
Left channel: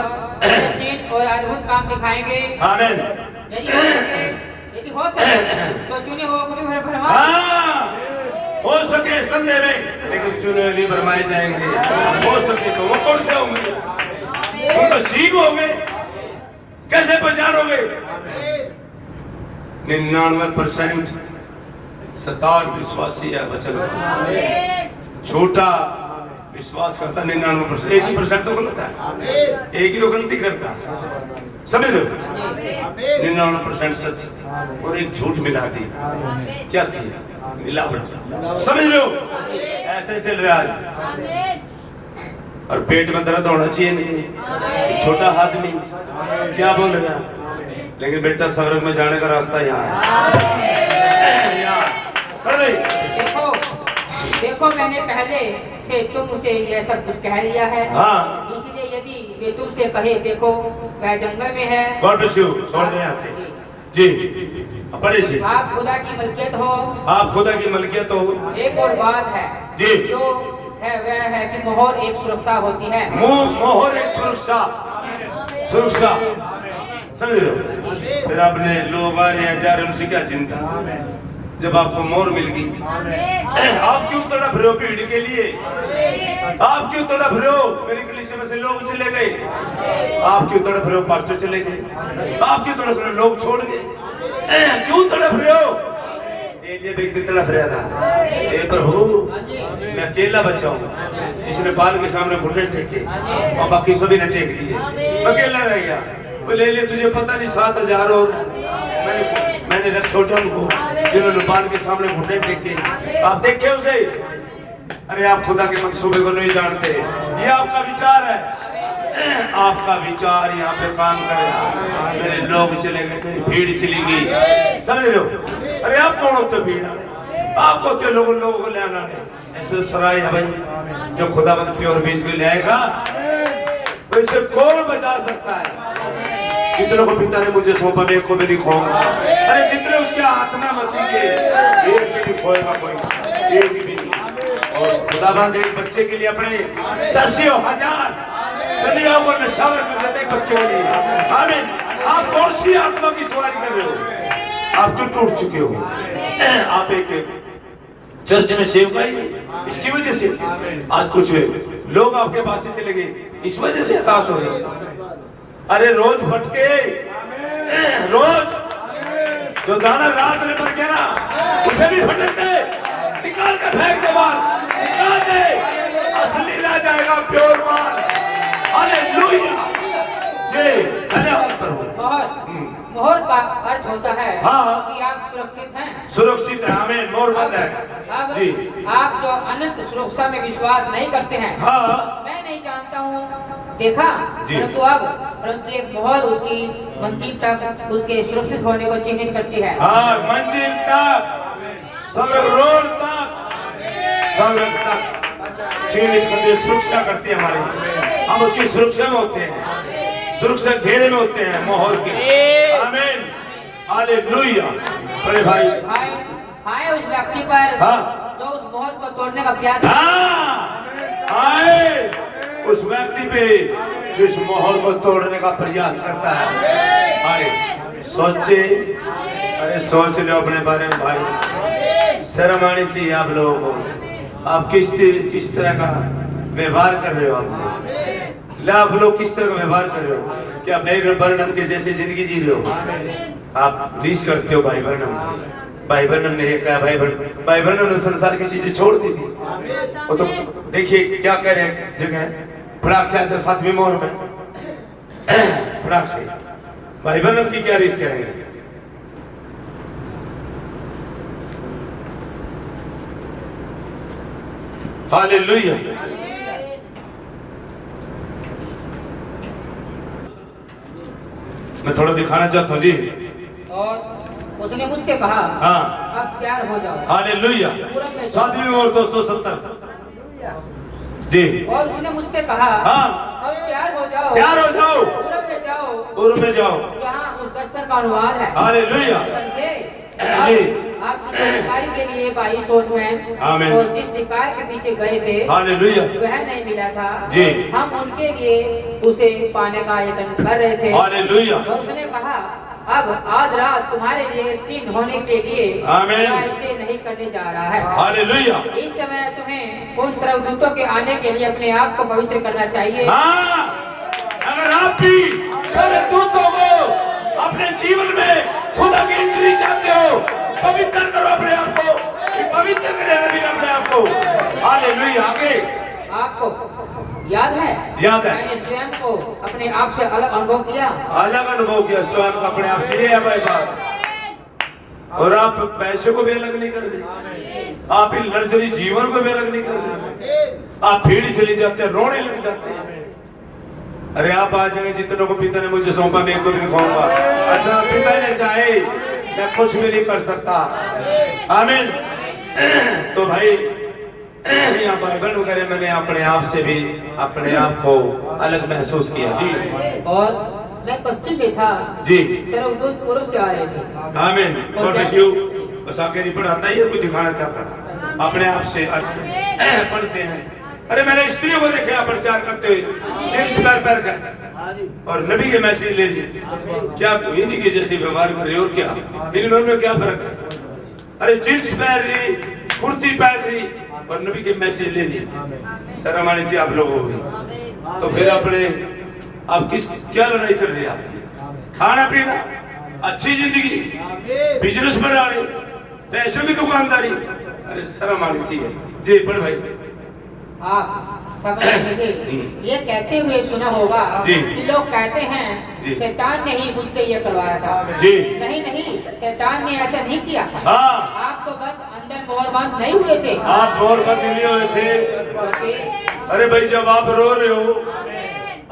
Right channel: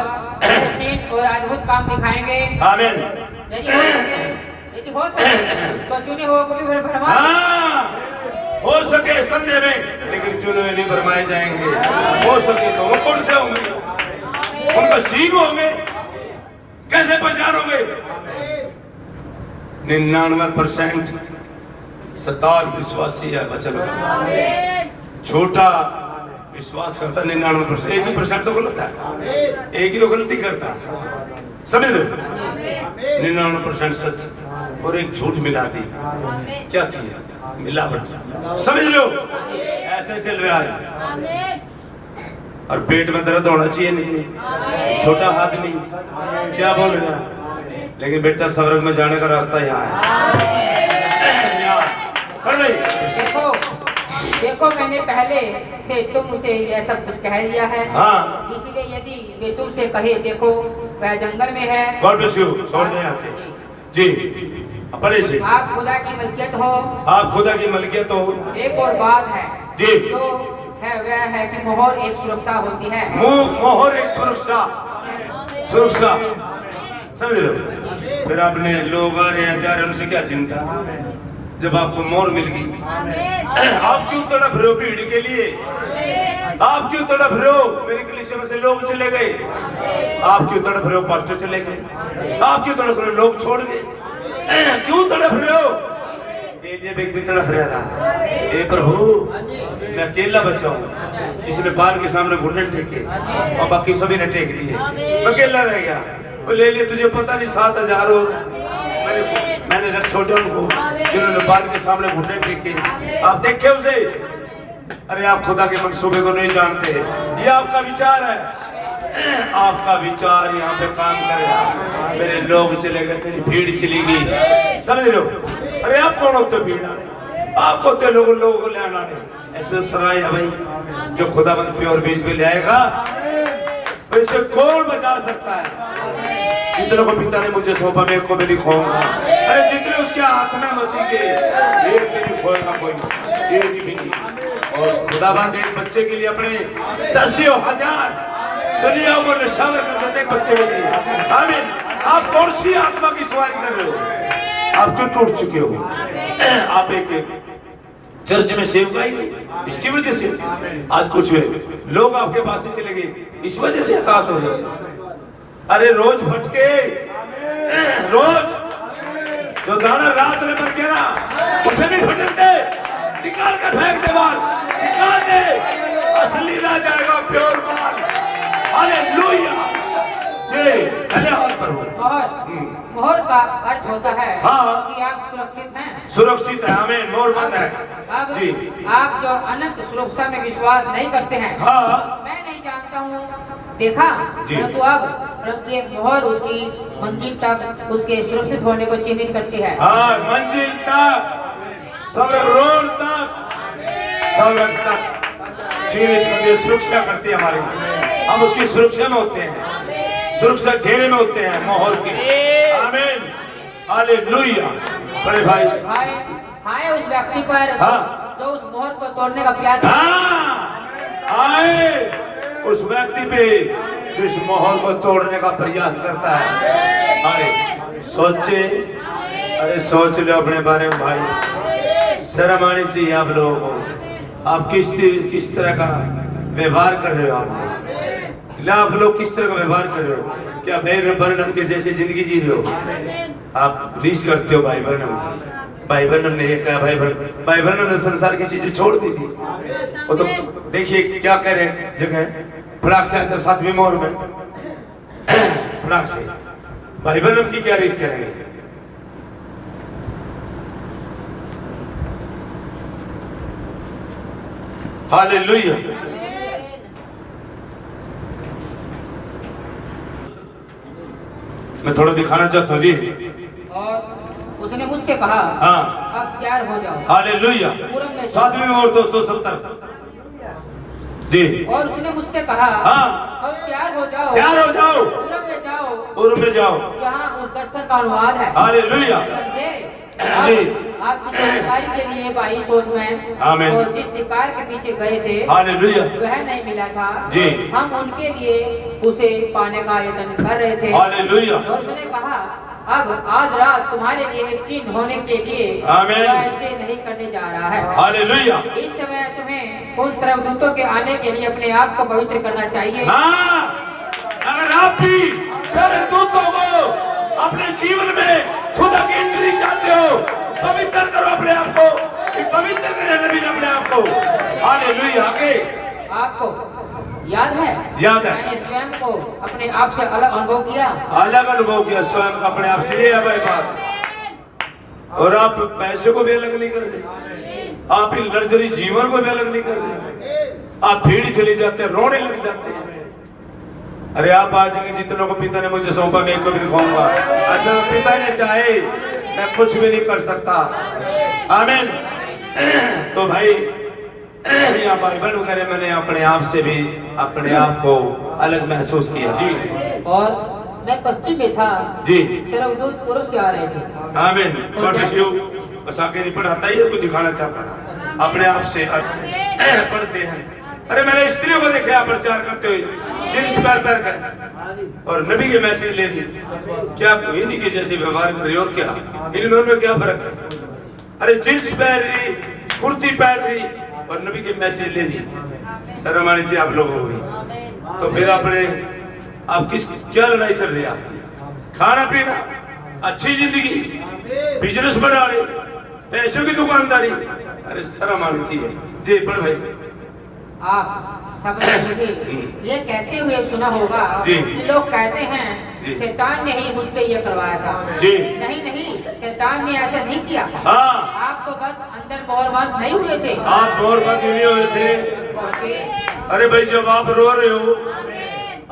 चीज और अद्भुत काम दिखाएंगे। आमीन। यदि हो सके तो चुने हुए को भी भरमा, हाँ, हो सके संदेह में, लेकिन चुने नहीं भरमाए जाएंगे। हो सके तो वो कौन से होंगे? वो मसीह होंगे। कैसे पहचानोगे? 99% सतार विश्वासी है वचन का, छोटा विश्वास करता 99%, 1% तो गलत है, एक ही तो गलती करता है, समझ लो। 99% सच और एक झूठ मिला दी, क्या किया? मिलावट, समझ लो। ऐसे चल रहा है। और पेट में दर्द होना चाहिए नहीं, छोटा आदमी क्या बोल रहा है, लेकिन बेटा स्वर्ग में जाने का रास्ता यहाँ है। देखो देखो, मैंने पहले से तुमसे यह सब कुछ कह लिया है। हाँ। इसलिए यदि वे तुमसे कहे देखो वह जंगल में है, गॉड ब्लेस यू, छोड़ दे यहाँ से जी। पढ़े से आप खुदा की मलकियत हो, आप खुदा की मलकियत हो। एक और बात है जी, जो है वह है कि मोहर एक सुरक्षा होती है। मोहर एक सुरक्षा, सुरक्षा, समझ लो। फिर आपने लोग आ रहे हैं जा रहे, उनसे क्या चिंता जब आपको मोहर मिल गई। आप क्यों तड़प रहे हो भीड़ के लिए? आप क्यों तड़प रहे हो? मेरे कलीसिया में से लोग चले गए, आप क्यों तड़प रहे हो? पास्टर चले गए, आप क्यों तड़प रहे हो? लोग छोड़ गए, क्यों तड़प रहे हो? एलिया भी एक दिन तड़प रहा था, हे प्रभु मैं अकेला बचा हूँ, जिसने बाल के सामने घुटने टेके और बाकी सभी ने टेक दिए, अकेला रह गया। बोले एलिया तुझे पता नहीं 7000 और मैंने रख छोड़ा उनको जिन्होंने बाल के सामने घुटने टेके, आप देखे उसे? अरे आप खुदा के मंसूबे को नहीं जानते, ये आपका विचार है, आपका विचार यहाँ पे काम कर रहा। मेरे लोग चले गए, मेरी भीड़ चली गई, समझ लो। अरे आप कौन होते भीड़ वाले? आप होते लोगों को ले आना है। ऐसे सराय है भाई, जो खुदाबंद प्योर बीज भी लाएगा उसे कौन बचा सकता है? जितनों को पिता ने मुझे सौंपा मैं को भी नहीं खोऊंगा। अरे जितने उसके हाथ में मसीह के, एक भी नहीं खोएगा कोई, एक भी नहीं। और खुदाबंद एक बच्चे के लिए अपने 10,000 दुनिया को निशावर कर देते बच्चे के लिए। आमीन। आप कौन सी आत्मा की सवारी कर रहे हो? आप क्यों टूट चुके हो? आप एक चर्च में सेवका ही नहीं, इसकी वजह से आज कुछ हुए लोग आपके पास से चले गए, इस वजह से हताश हो गए। अरे रोज फटके, रोज जो दाना रात में मर गया ना उसे भी फटक दे, निकाल कर फेंक दे बाहर, निकाल दे, असली रह जाएगा प्योर माल। हालेलुया। जी धन्यवाद प्रभु। मोहर का अर्थ होता है हाँ, कि आप सुरक्षित हैं, सुरक्षित है। हमें मोहर बंद है। अब जी आप जो अनंत सुरक्षा में विश्वास नहीं करते हैं, हाँ, मैं नहीं जानता हूँ देखा, परंतु एक मोहर उसकी मंजिल तक उसके सुरक्षित होने को चिन्हित करती है। हाँ, मंजिल तक, स्वर्ग रोड तक, स्वर्ग तक चिन्हित करती है, सुरक्षा करती है हमारी। हम उसकी सुरक्षा में होते हैं, सुरक्षा घेरे में होते हैं मोहर के। आमीन। हालेलुया। बड़े भाई हाय उस व्यक्ति पर हाँ, जो उस मोहर को तोड़ने का प्रयास हाय उस व्यक्ति पे जो इस मोहर को तोड़ने का प्रयास करता है। हाय सोचे, अरे सोच लो अपने बारे में भाई, शर्म आनी चाहिए आप लोगों को। आप किस तरह का व्यवहार कर रहे हो? आप लोग किस तरह का व्यवहार कर रहे हो? क्या भाई बर्नम के जैसे जिंदगी जी रहे हो? आप रीस करते हो भाई बर्नम। भाई बर्नम ने ये कहा, भाई बर्नम ने संसार की चीजें छोड़ दी थी। वो तो देखिए क्या करे जगह फटाक से ऐसे 7वीं मोहर में फटाक से भाई बर्नम की क्या रीस करेंगे? हालेलुया। मैं थोड़ा दिखाना चाहता हूँ जी। और उसने मुझसे कहा, हाँ अब तैयार हो जाओ, हालेलुया। पूरब में जाओ। 7वीं और 270 जी। और उसने मुझसे कहा, हाँ अब तैयार हो जाओ, तैयार हो जाओ, पूरब में जाओ, पूर्व में जाओ, जहाँ उस दर्शन का अनुवाद है। हालेलुया। समझे? जी। अब आपकी जानकारी के लिए भाई सोचमैन आमीन। और जिस शिकार के पीछे गए थे हालेलुया वह नहीं मिला था। जी। हम उनके लिए उसे पाने का यत्न कर रहे थे। हालेलुया। और उसने कहा, अब आज रात तुम्हारे लिए एक चिन्ह होने के लिए आमीन। वह इसे नहीं करने जा रहा है। हालेलुया। इस समय तुम्हें उन सर्वदूतों के आने के लिए अपने आप को पवित्र करना चाहिए। हाँ, अगर आप भी स्वर्गदूतों को अपने जीवन में खुदा की एंट्री चाहते हो, पवित्र करो अपने आप को, पवित्र करें नबी अपने आप को। हालेलुया। आगे आपको याद है? याद है। मैंने स्वयं को अपने आप से अलग अनुभव किया। अलग अनुभव किया स्वयं अपने आप से, ये है भाई बात। और आप पैसे को भी अलग नहीं कर रहे, आप इन लग्जरी जीवन को भी अलग नहीं कर रहे, आप भीड़ चले जाते हैं, रोने लग जाते हैं। अरे आप आ जाएंगे, जितनों को पिता ने मुझे सौंपा मैं एक को भी नहीं खाऊंगा। अगर पिता ने चाहे मैं कुछ भी नहीं कर सकता। आमीन। तो भाई यहाँ बाइबल वगैरह मैंने अपने आप से भी अपने आप को अलग महसूस किया जी। और मैं पश्चिम में था जी। सर्वदूत पुरुष से आ रहे थे। आमीन। God bless you. बस आगे नहीं पढ़ाता, ये कुछ दिखाना चाहता था अपने आप से पढ़ते हैं। अरे मैंने स्त्रियों को देखा प्रचार करते हुए जींस पैर का और नबी के मैसेज ले ली। क्या इन्हीं के जैसे व्यवहार कर रही और क्या इनमें क्या फर्क है? अरे जींस पहन रही, कुर्ती पहन रही और नबी के मैसेज ले ली। शर्म आनी चाहिए आप लोगों को। तो फिर अपने आप क्या लड़ाई चल रही है आपकी? खाना पीना, अच्छी जिंदगी, बिजनेस बढ़ाने, पैसों की दुकानदारी। अरे शर्म आनी चाहिए जी। पढ़ भाई। आप सब ने मुझे ये कहते हुए सुना होगा जी। कि लोग कहते हैं जी। शैतान ने ही मुझसे ये करवाया था। जी। नहीं नहीं, शैतान ने ऐसा नहीं किया। हाँ, आप तो बस अंदर मोहरबान नहीं हुए थे। आप और बंद नहीं हुए थे। क्योंकि अरे भाई जब आप रो रहे हो,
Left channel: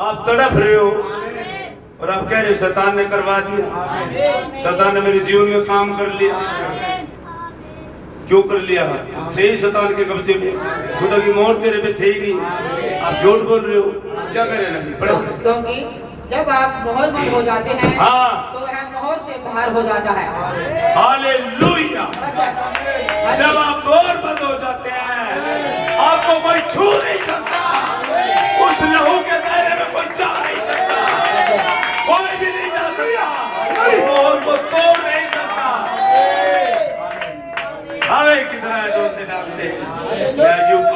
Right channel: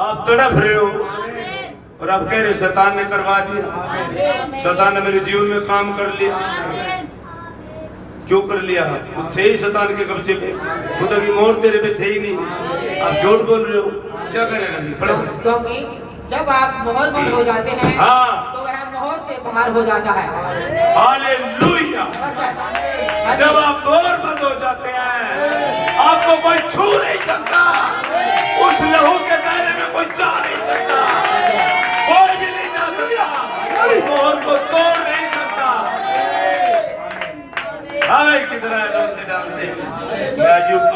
आप तड़प रहे हो और आप कह रहे शैतान ने करवा दिया, शैतान ने मेरे जीवन में काम कर लिया। क्यों कर लिया? तो थे ही शैतान के कब्जे में, खुदा की मोहर तेरे पे थे ही नहीं। आप झूठ बोल रहे हो, क्या करें नबी? पढ़ो। क्योंकि जब आप मोहर बंद हो जाते हैं हाँ। तो वह मोहर से बाहर हो जाता है। हालेलुया। अच्छा। जब आप मोहर बंद हो जाते हैं, आपको कोई छू नहीं सकता, उस लहू के दायरे में कोई जा नहीं सकता, कोई भी नहीं जा सकता, उस मोहर को तोड़ नहीं सकता। हवे की तरह डोलते डालते हैं।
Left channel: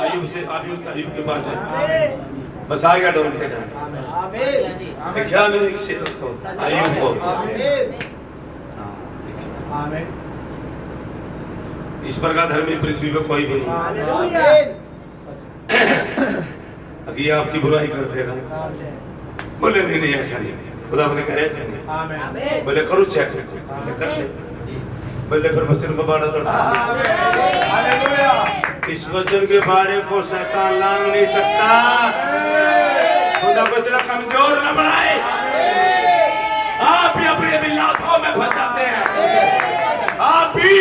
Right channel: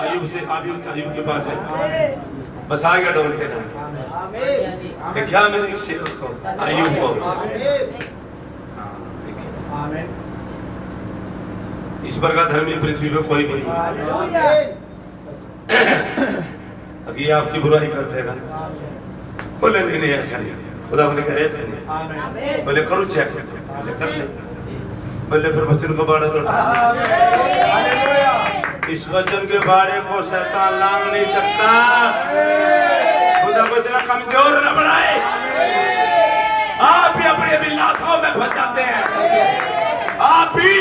आयुब से आयुब के पास है, बस आ गया डोलते डालते। क्या मेरे एक सेवक को आयुब को, इस प्रकार धर्मी पृथ्वी पे कोई भी नहीं। अभी आपकी बुराई कर देगा, बोले नहीं नहीं ऐसा नहीं, खुदा मुझे कहे ऐसा नहीं। बोले करूँ चेक, बोले कर ले, बोले फिर वचन को बाड़ा तोड़। इस वचन के बारे को शैतान लांग नहीं सकता। खुदा को इतना कमजोर न बनाए। आप भी अपने अभिलाषाओं में फंस जाते हैं, आप भी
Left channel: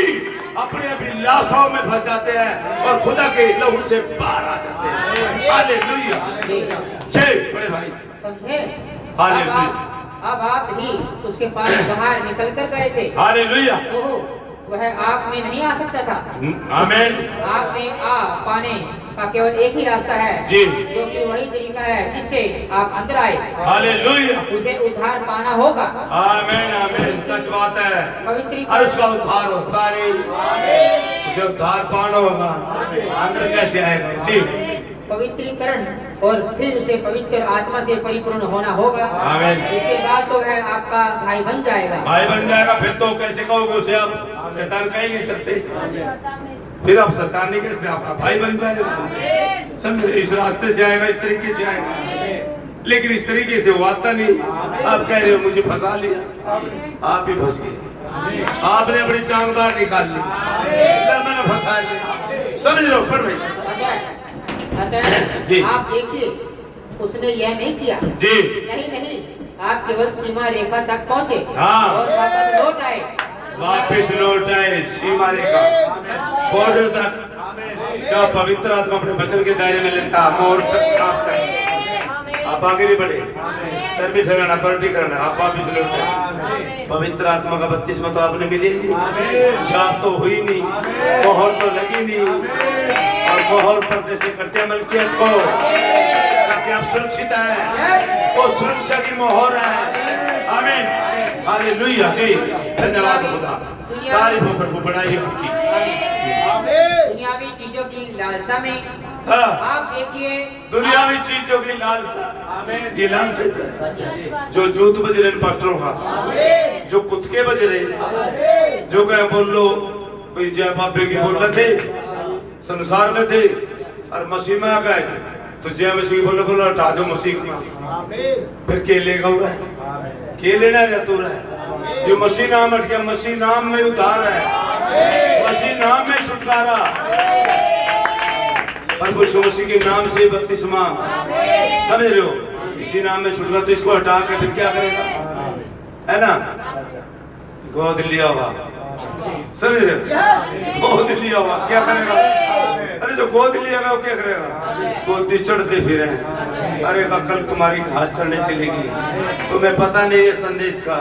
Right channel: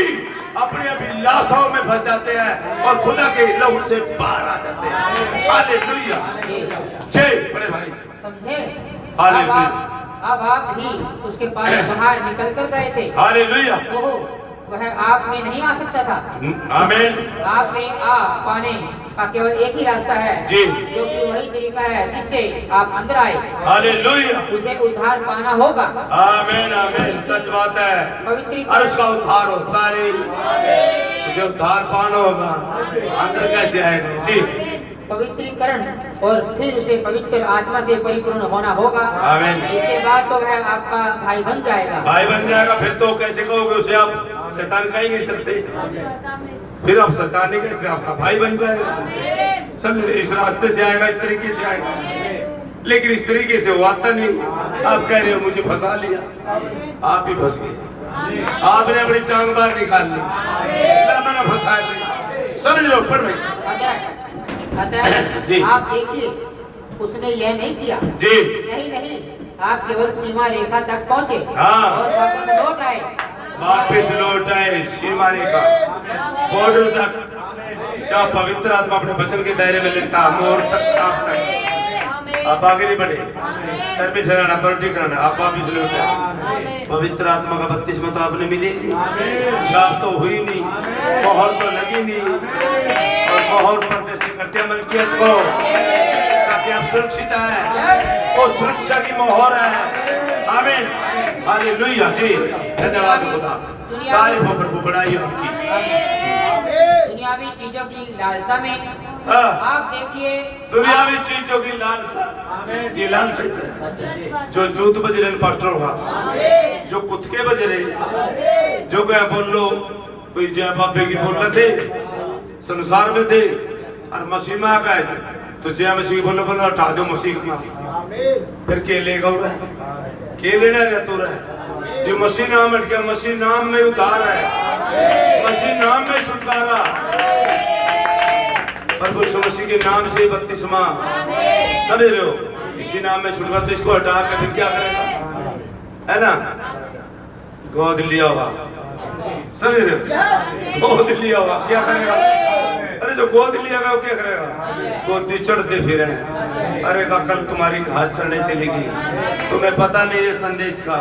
अपने अभिलाषाओं में फंस जाते हैं और खुदा के लहू से बाहर आ जाते हैं। हालेलुया। जय बड़े भाई। समझे? हालेलुया। अब आप ही उसके पास बाहर निकल कर गए थे। हालेलुया। वह आप में नहीं आ सकता था। आमीन। आप में आ पाने का केवल एक ही रास्ता है जी, जो कि वही तरीका है जिससे आप अंदर आए। हालेलुया। उसे उद्धार पाना होगा। आमीन आमीन। सच बात है। पवित्रीकरण। और उसका उद्धार होता नहीं, उसे उद्धार पाना होगा। अंदर कैसे आएगा जी? पवित्रीकरण और फिर उसे पवित्र आत्मा से परिपूर्ण होना होगा। आमीन। इसके बाद तो वह आपका भाई बन जाएगा। भाई बन जाएगा। फिर तो कैसे कहोगे उसे आप शैतान कह ही नहीं सकते, फिर आप शैतान नहीं कैसे, आपका भाई बन जाएगा। समझ रहे? इस रास्ते से आएगा, इस तरीके से आएगा, लेकिन इस तरीके से वो आता नहीं। आप कह रहे हो मुझे फंसा लिया, आप ही फंस गए। आपने अपनी टांग बाहर निकाल ली, मैंने फंसा लिया। समझ रहे हो? पर भाई जी। आप देखिए, उसने यह नहीं किया जी। नहीं नहीं, आप केवल सीमा रेखा तक पहुँचे हाँ। और वापस लौट आए। वापिस लौट आए सीमाने का बॉर्डर तक, जहाँ पवित्र आत्मा अपने वचन के दायरे में लेता, मोर तक, सांप तक। आप आगे नहीं बढ़े, धर्मी ठहराना, पलटी करना, आप वापिस लौट आए। पवित्र आत्मा का बपतिस्मा तो आपने मिली नहीं, छाप तो हुई नहीं, मोहर तो लगी नहीं, और मोहर पर्दे से करते मलकियत को, ताकि आप सुरक्षित है, वो सुरक्षा की मोहर है। आमीन, हालेलुया। जी धन्यवाद खुदा, तारीफ हो प्रभु, बढ़ाइए आपकी। दुनियावी चीजों की लालसा में हाँ, आप देखिए, दुनियावी चीजों की लालसा, ये लालसा है जो जूत बज रहे पास्टरों का, जो कुत्ते बज रहे, जो क्या बोल लो, कोई जय बाबे की बोल रहे थे, संसार में थे, और मसीह में आ गए तो जय मसीह बोलो, बोलो हटा दो मसीह का नाम, फिर के लेगा हो रहा है, के लेना रहता है। जो मसीह नाम हट गया, मसीह नाम में उद्धार है, मसीह नाम में छुटकारा, प्रभु यीशु मसीह के नाम से बपतिस्मा, समझ रहे हो, इसी नाम में छुटकारा। तो इसको हटा के फिर क्या करेगा, है ना, गोद लिया हुआ, समझ रहे हो, गोद लिया हुआ क्या करेगा? अरे जो गोद लिया गया क्या करेगा? गोदी चढ़ते फिरे, अरे का कल तुम्हारी घास चलने चलेगी, तुम्हें पता नहीं है संदेश का,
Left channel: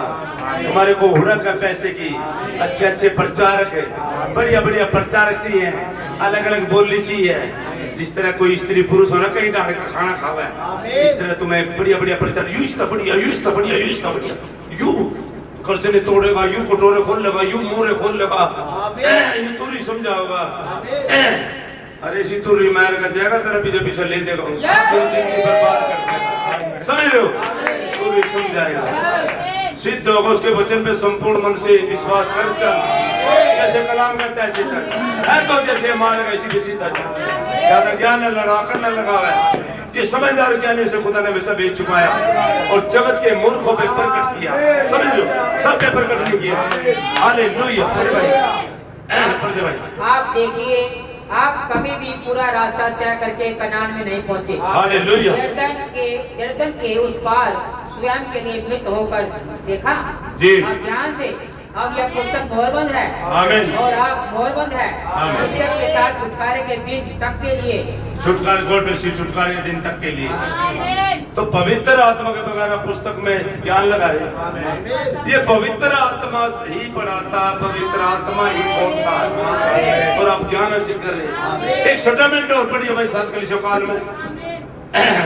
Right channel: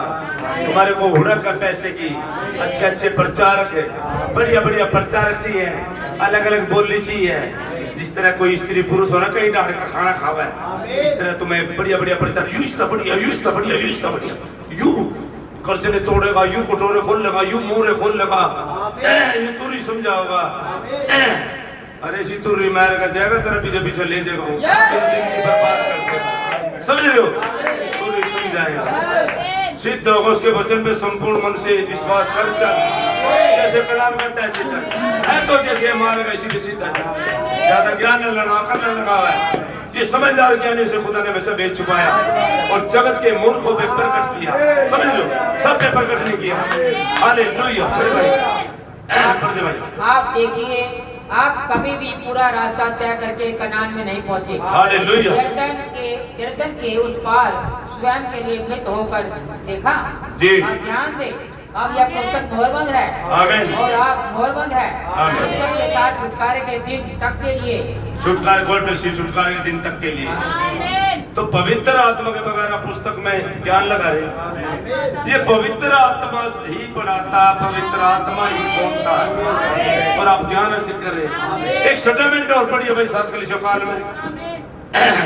तुम्हारे को हुड़क है पैसे की, अच्छे अच्छे प्रचारक है, बढ़िया बढ़िया प्रचारक सी है, अलग अलग बोली सी है। जिस तरह कोई स्त्री पुरुष हो ना कहीं डाल का खाना खावा है, इस तरह तुम्हें बढ़िया बढ़िया प्रचार, यूज था बढ़िया, यूज था बढ़िया, यूज था बढ़िया, यू कर्जने तोड़ेगा, यू कटोरे खोल लेगा, यू मोरे खोल लेगा, यू तुरी समझाओगा, अरे सी तुरी मार का जाएगा, तेरा पीछे पीछे ले जाएगा, तेरी जिंदगी बर्बाद कर देगा, समझ रहे हो, तुरी समझाएगा। सिद्ध होगा उसके वचन पे संपूर्ण मन से विश्वास कर, चल जैसे कलाम करता है ऐसे चल, है तो जैसे मारेगा इसी पे सीधा चल, ज्यादा ज्ञान न लड़ा कर न लगा हुआ है, ये समझदार ज्ञानी से खुदा ने हमेशा भेज छुपाया और जगत के मूर्खों पे प्रकट किया, समझ लो, सब पे प्रकट नहीं किया। हालेलुया। बड़े भाई, बड़े भाई, आप देखिए, आप कभी भी पूरा रास्ता तय करके कनान में नहीं पहुंचे। हालेलुया। यरदन के उस पार स्वयं के लिए मृत होकर देखा जी। आप ध्यान दे, अब यह पुस्तक मोहरबंद है, आमीन, और आप मोहरबंद है, आमीन। पुस्तक के साथ छुटकारे के दिन तक के लिए, छुटकारे गोल्ड से छुटकारे के दिन तक के लिए। तो पवित्र आत्मा के बगैर आप पुस्तक में ज्ञान लगा रहे, ये पवित्र आत्मा ही पढ़ाता, पवित्र आत्मा ही खोलता है, और आप ज्ञान अर्जित कर रहे। एक सेटलमेंट और पढ़िए भाई, 7 कलीसिया काल में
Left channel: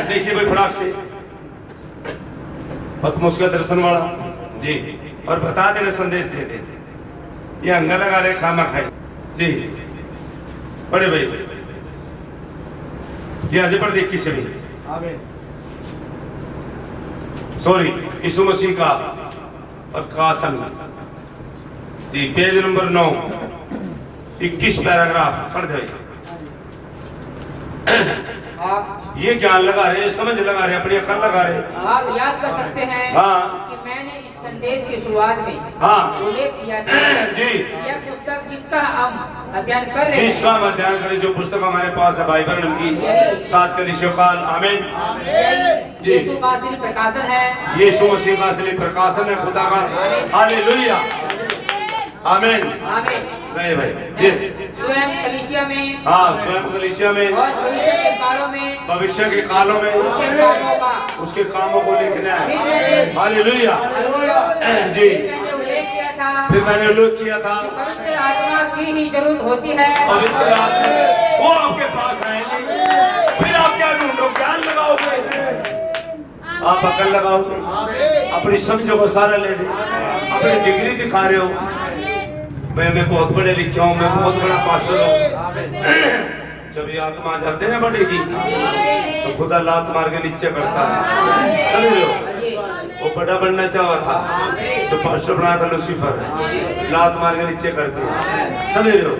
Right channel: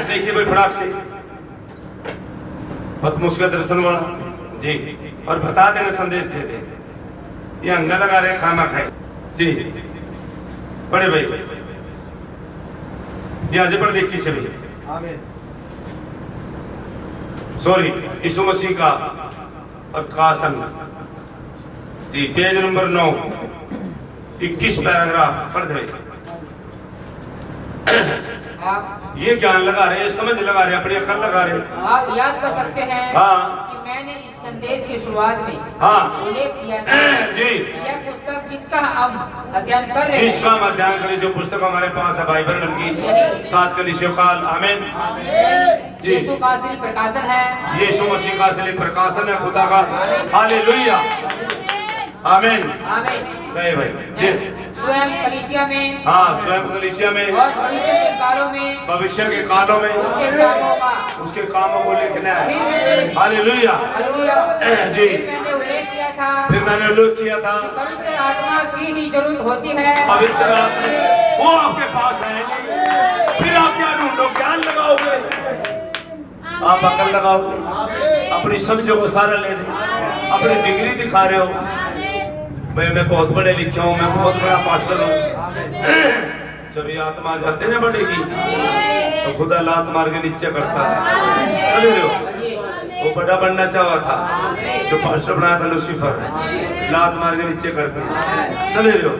देखिए भाई, फटाक से पतमुस का दर्शन वाला जी, और बता देना, संदेश दे दे, ये अंगा लगा रहे खामा खाए जी। बड़े भाई यहाँ से पढ़ दे, किसे भी सॉरी, यीशु मसीह का प्रकाशन जी, पेज नंबर 9, 21 पैराग्राफ पढ़ दे। आप ये ज्ञान लगा रहे, समझ लगा रहे, अपनी अकल लगा रहे। आप याद कर सकते हैं हाँ, कि मैंने इस संदेश की शुरुआत में हाँ उल्लेख किया था जी, यह पुस्तक जिसका हम अध्ययन कर रहे जिसका हैं, हम अध्ययन करें, जो पुस्तक हमारे पास है बाइबल की 7 कलीसिया काल, आमीन जी। यीशु का असली प्रकाशन है, यीशु मसीह का असली प्रकाशन है खुदा का। हालेलुया, आमीन। आमीन। गए भाई जी, स्वयं कलीसिया में, हाँ स्वयं कलीसिया में और भविष्य के कालों में, भविष्य के कालों में उसके कामों का, उसके कामों को लिखना फिर है। मैंने हालेलुया जी, फिर मैंने उल्लेख किया था, फिर मैंने उल्लेख किया था, पवित्र आत्मा की ही जरूरत होती है, पवित्र आत्मा वो आपके पास आएंगे, फिर आप क्या ढूंढो, ज्ञान लगाओगे, आप अकल लगाओगे, अपनी समझो को सारा ले रहे, अपनी डिग्री दिखा रहे हो, मैं बहुत बड़े लिखा हूँ, मैं बहुत बड़ा पास्टर हूँ। जब ये आत्मा जाते ना बढ़ेगी तो खुदा लात मार के नीचे करता है, समझ रहे हो। वो बड़ा बनना चाहा था, जो पास्टर बना था लूसीफर, लात मार के नीचे करते हैं, समझ रहे हो।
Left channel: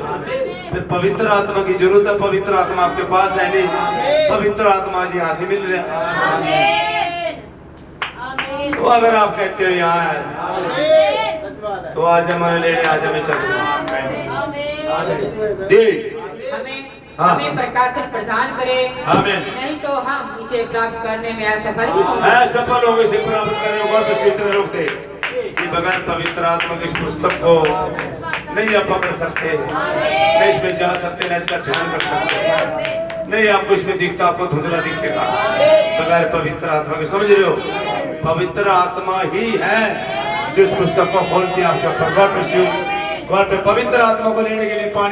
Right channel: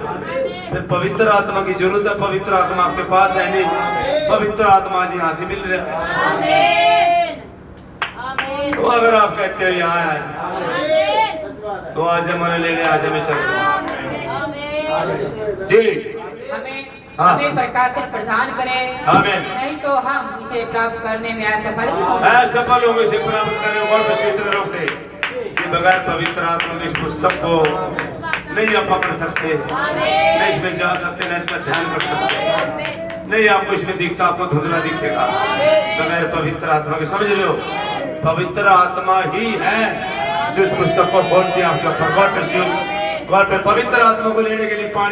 फिर पवित्र आत्मा की जरूरत है, पवित्र आत्मा आपके पास है नहीं, पवित्र आत्मा आज यहाँ से मिल रहा है। तो अगर आप कहते हो यहाँ है तो आज हमारे लेने आज हमें चल जी, हमें प्रकाशन प्रदान करे, आमीन। नहीं तो हम इसे प्राप्त करने में असफल भी होंगे। असफल होंगे, इसे प्राप्त करने में कौन पे क्षेत्र रोक दे। कि बगैर पवित्र आत्मा के इस पुस्तक को नहीं आप पकड़ सकते, नहीं इसमें जा सकते, ना इसका ध्यान कर सकते, नहीं आपको इसमें दिखता, आपको धुंधला दिखेगा बगैर पवित्र आत्मा के। समझ रहे हो? पवित्र आत्मा ही है जो इस पुस्तक को खोलती है आपके ऊपर। God bless you. गॉड पे पवित्र आत्मा को लेने के लिए पानी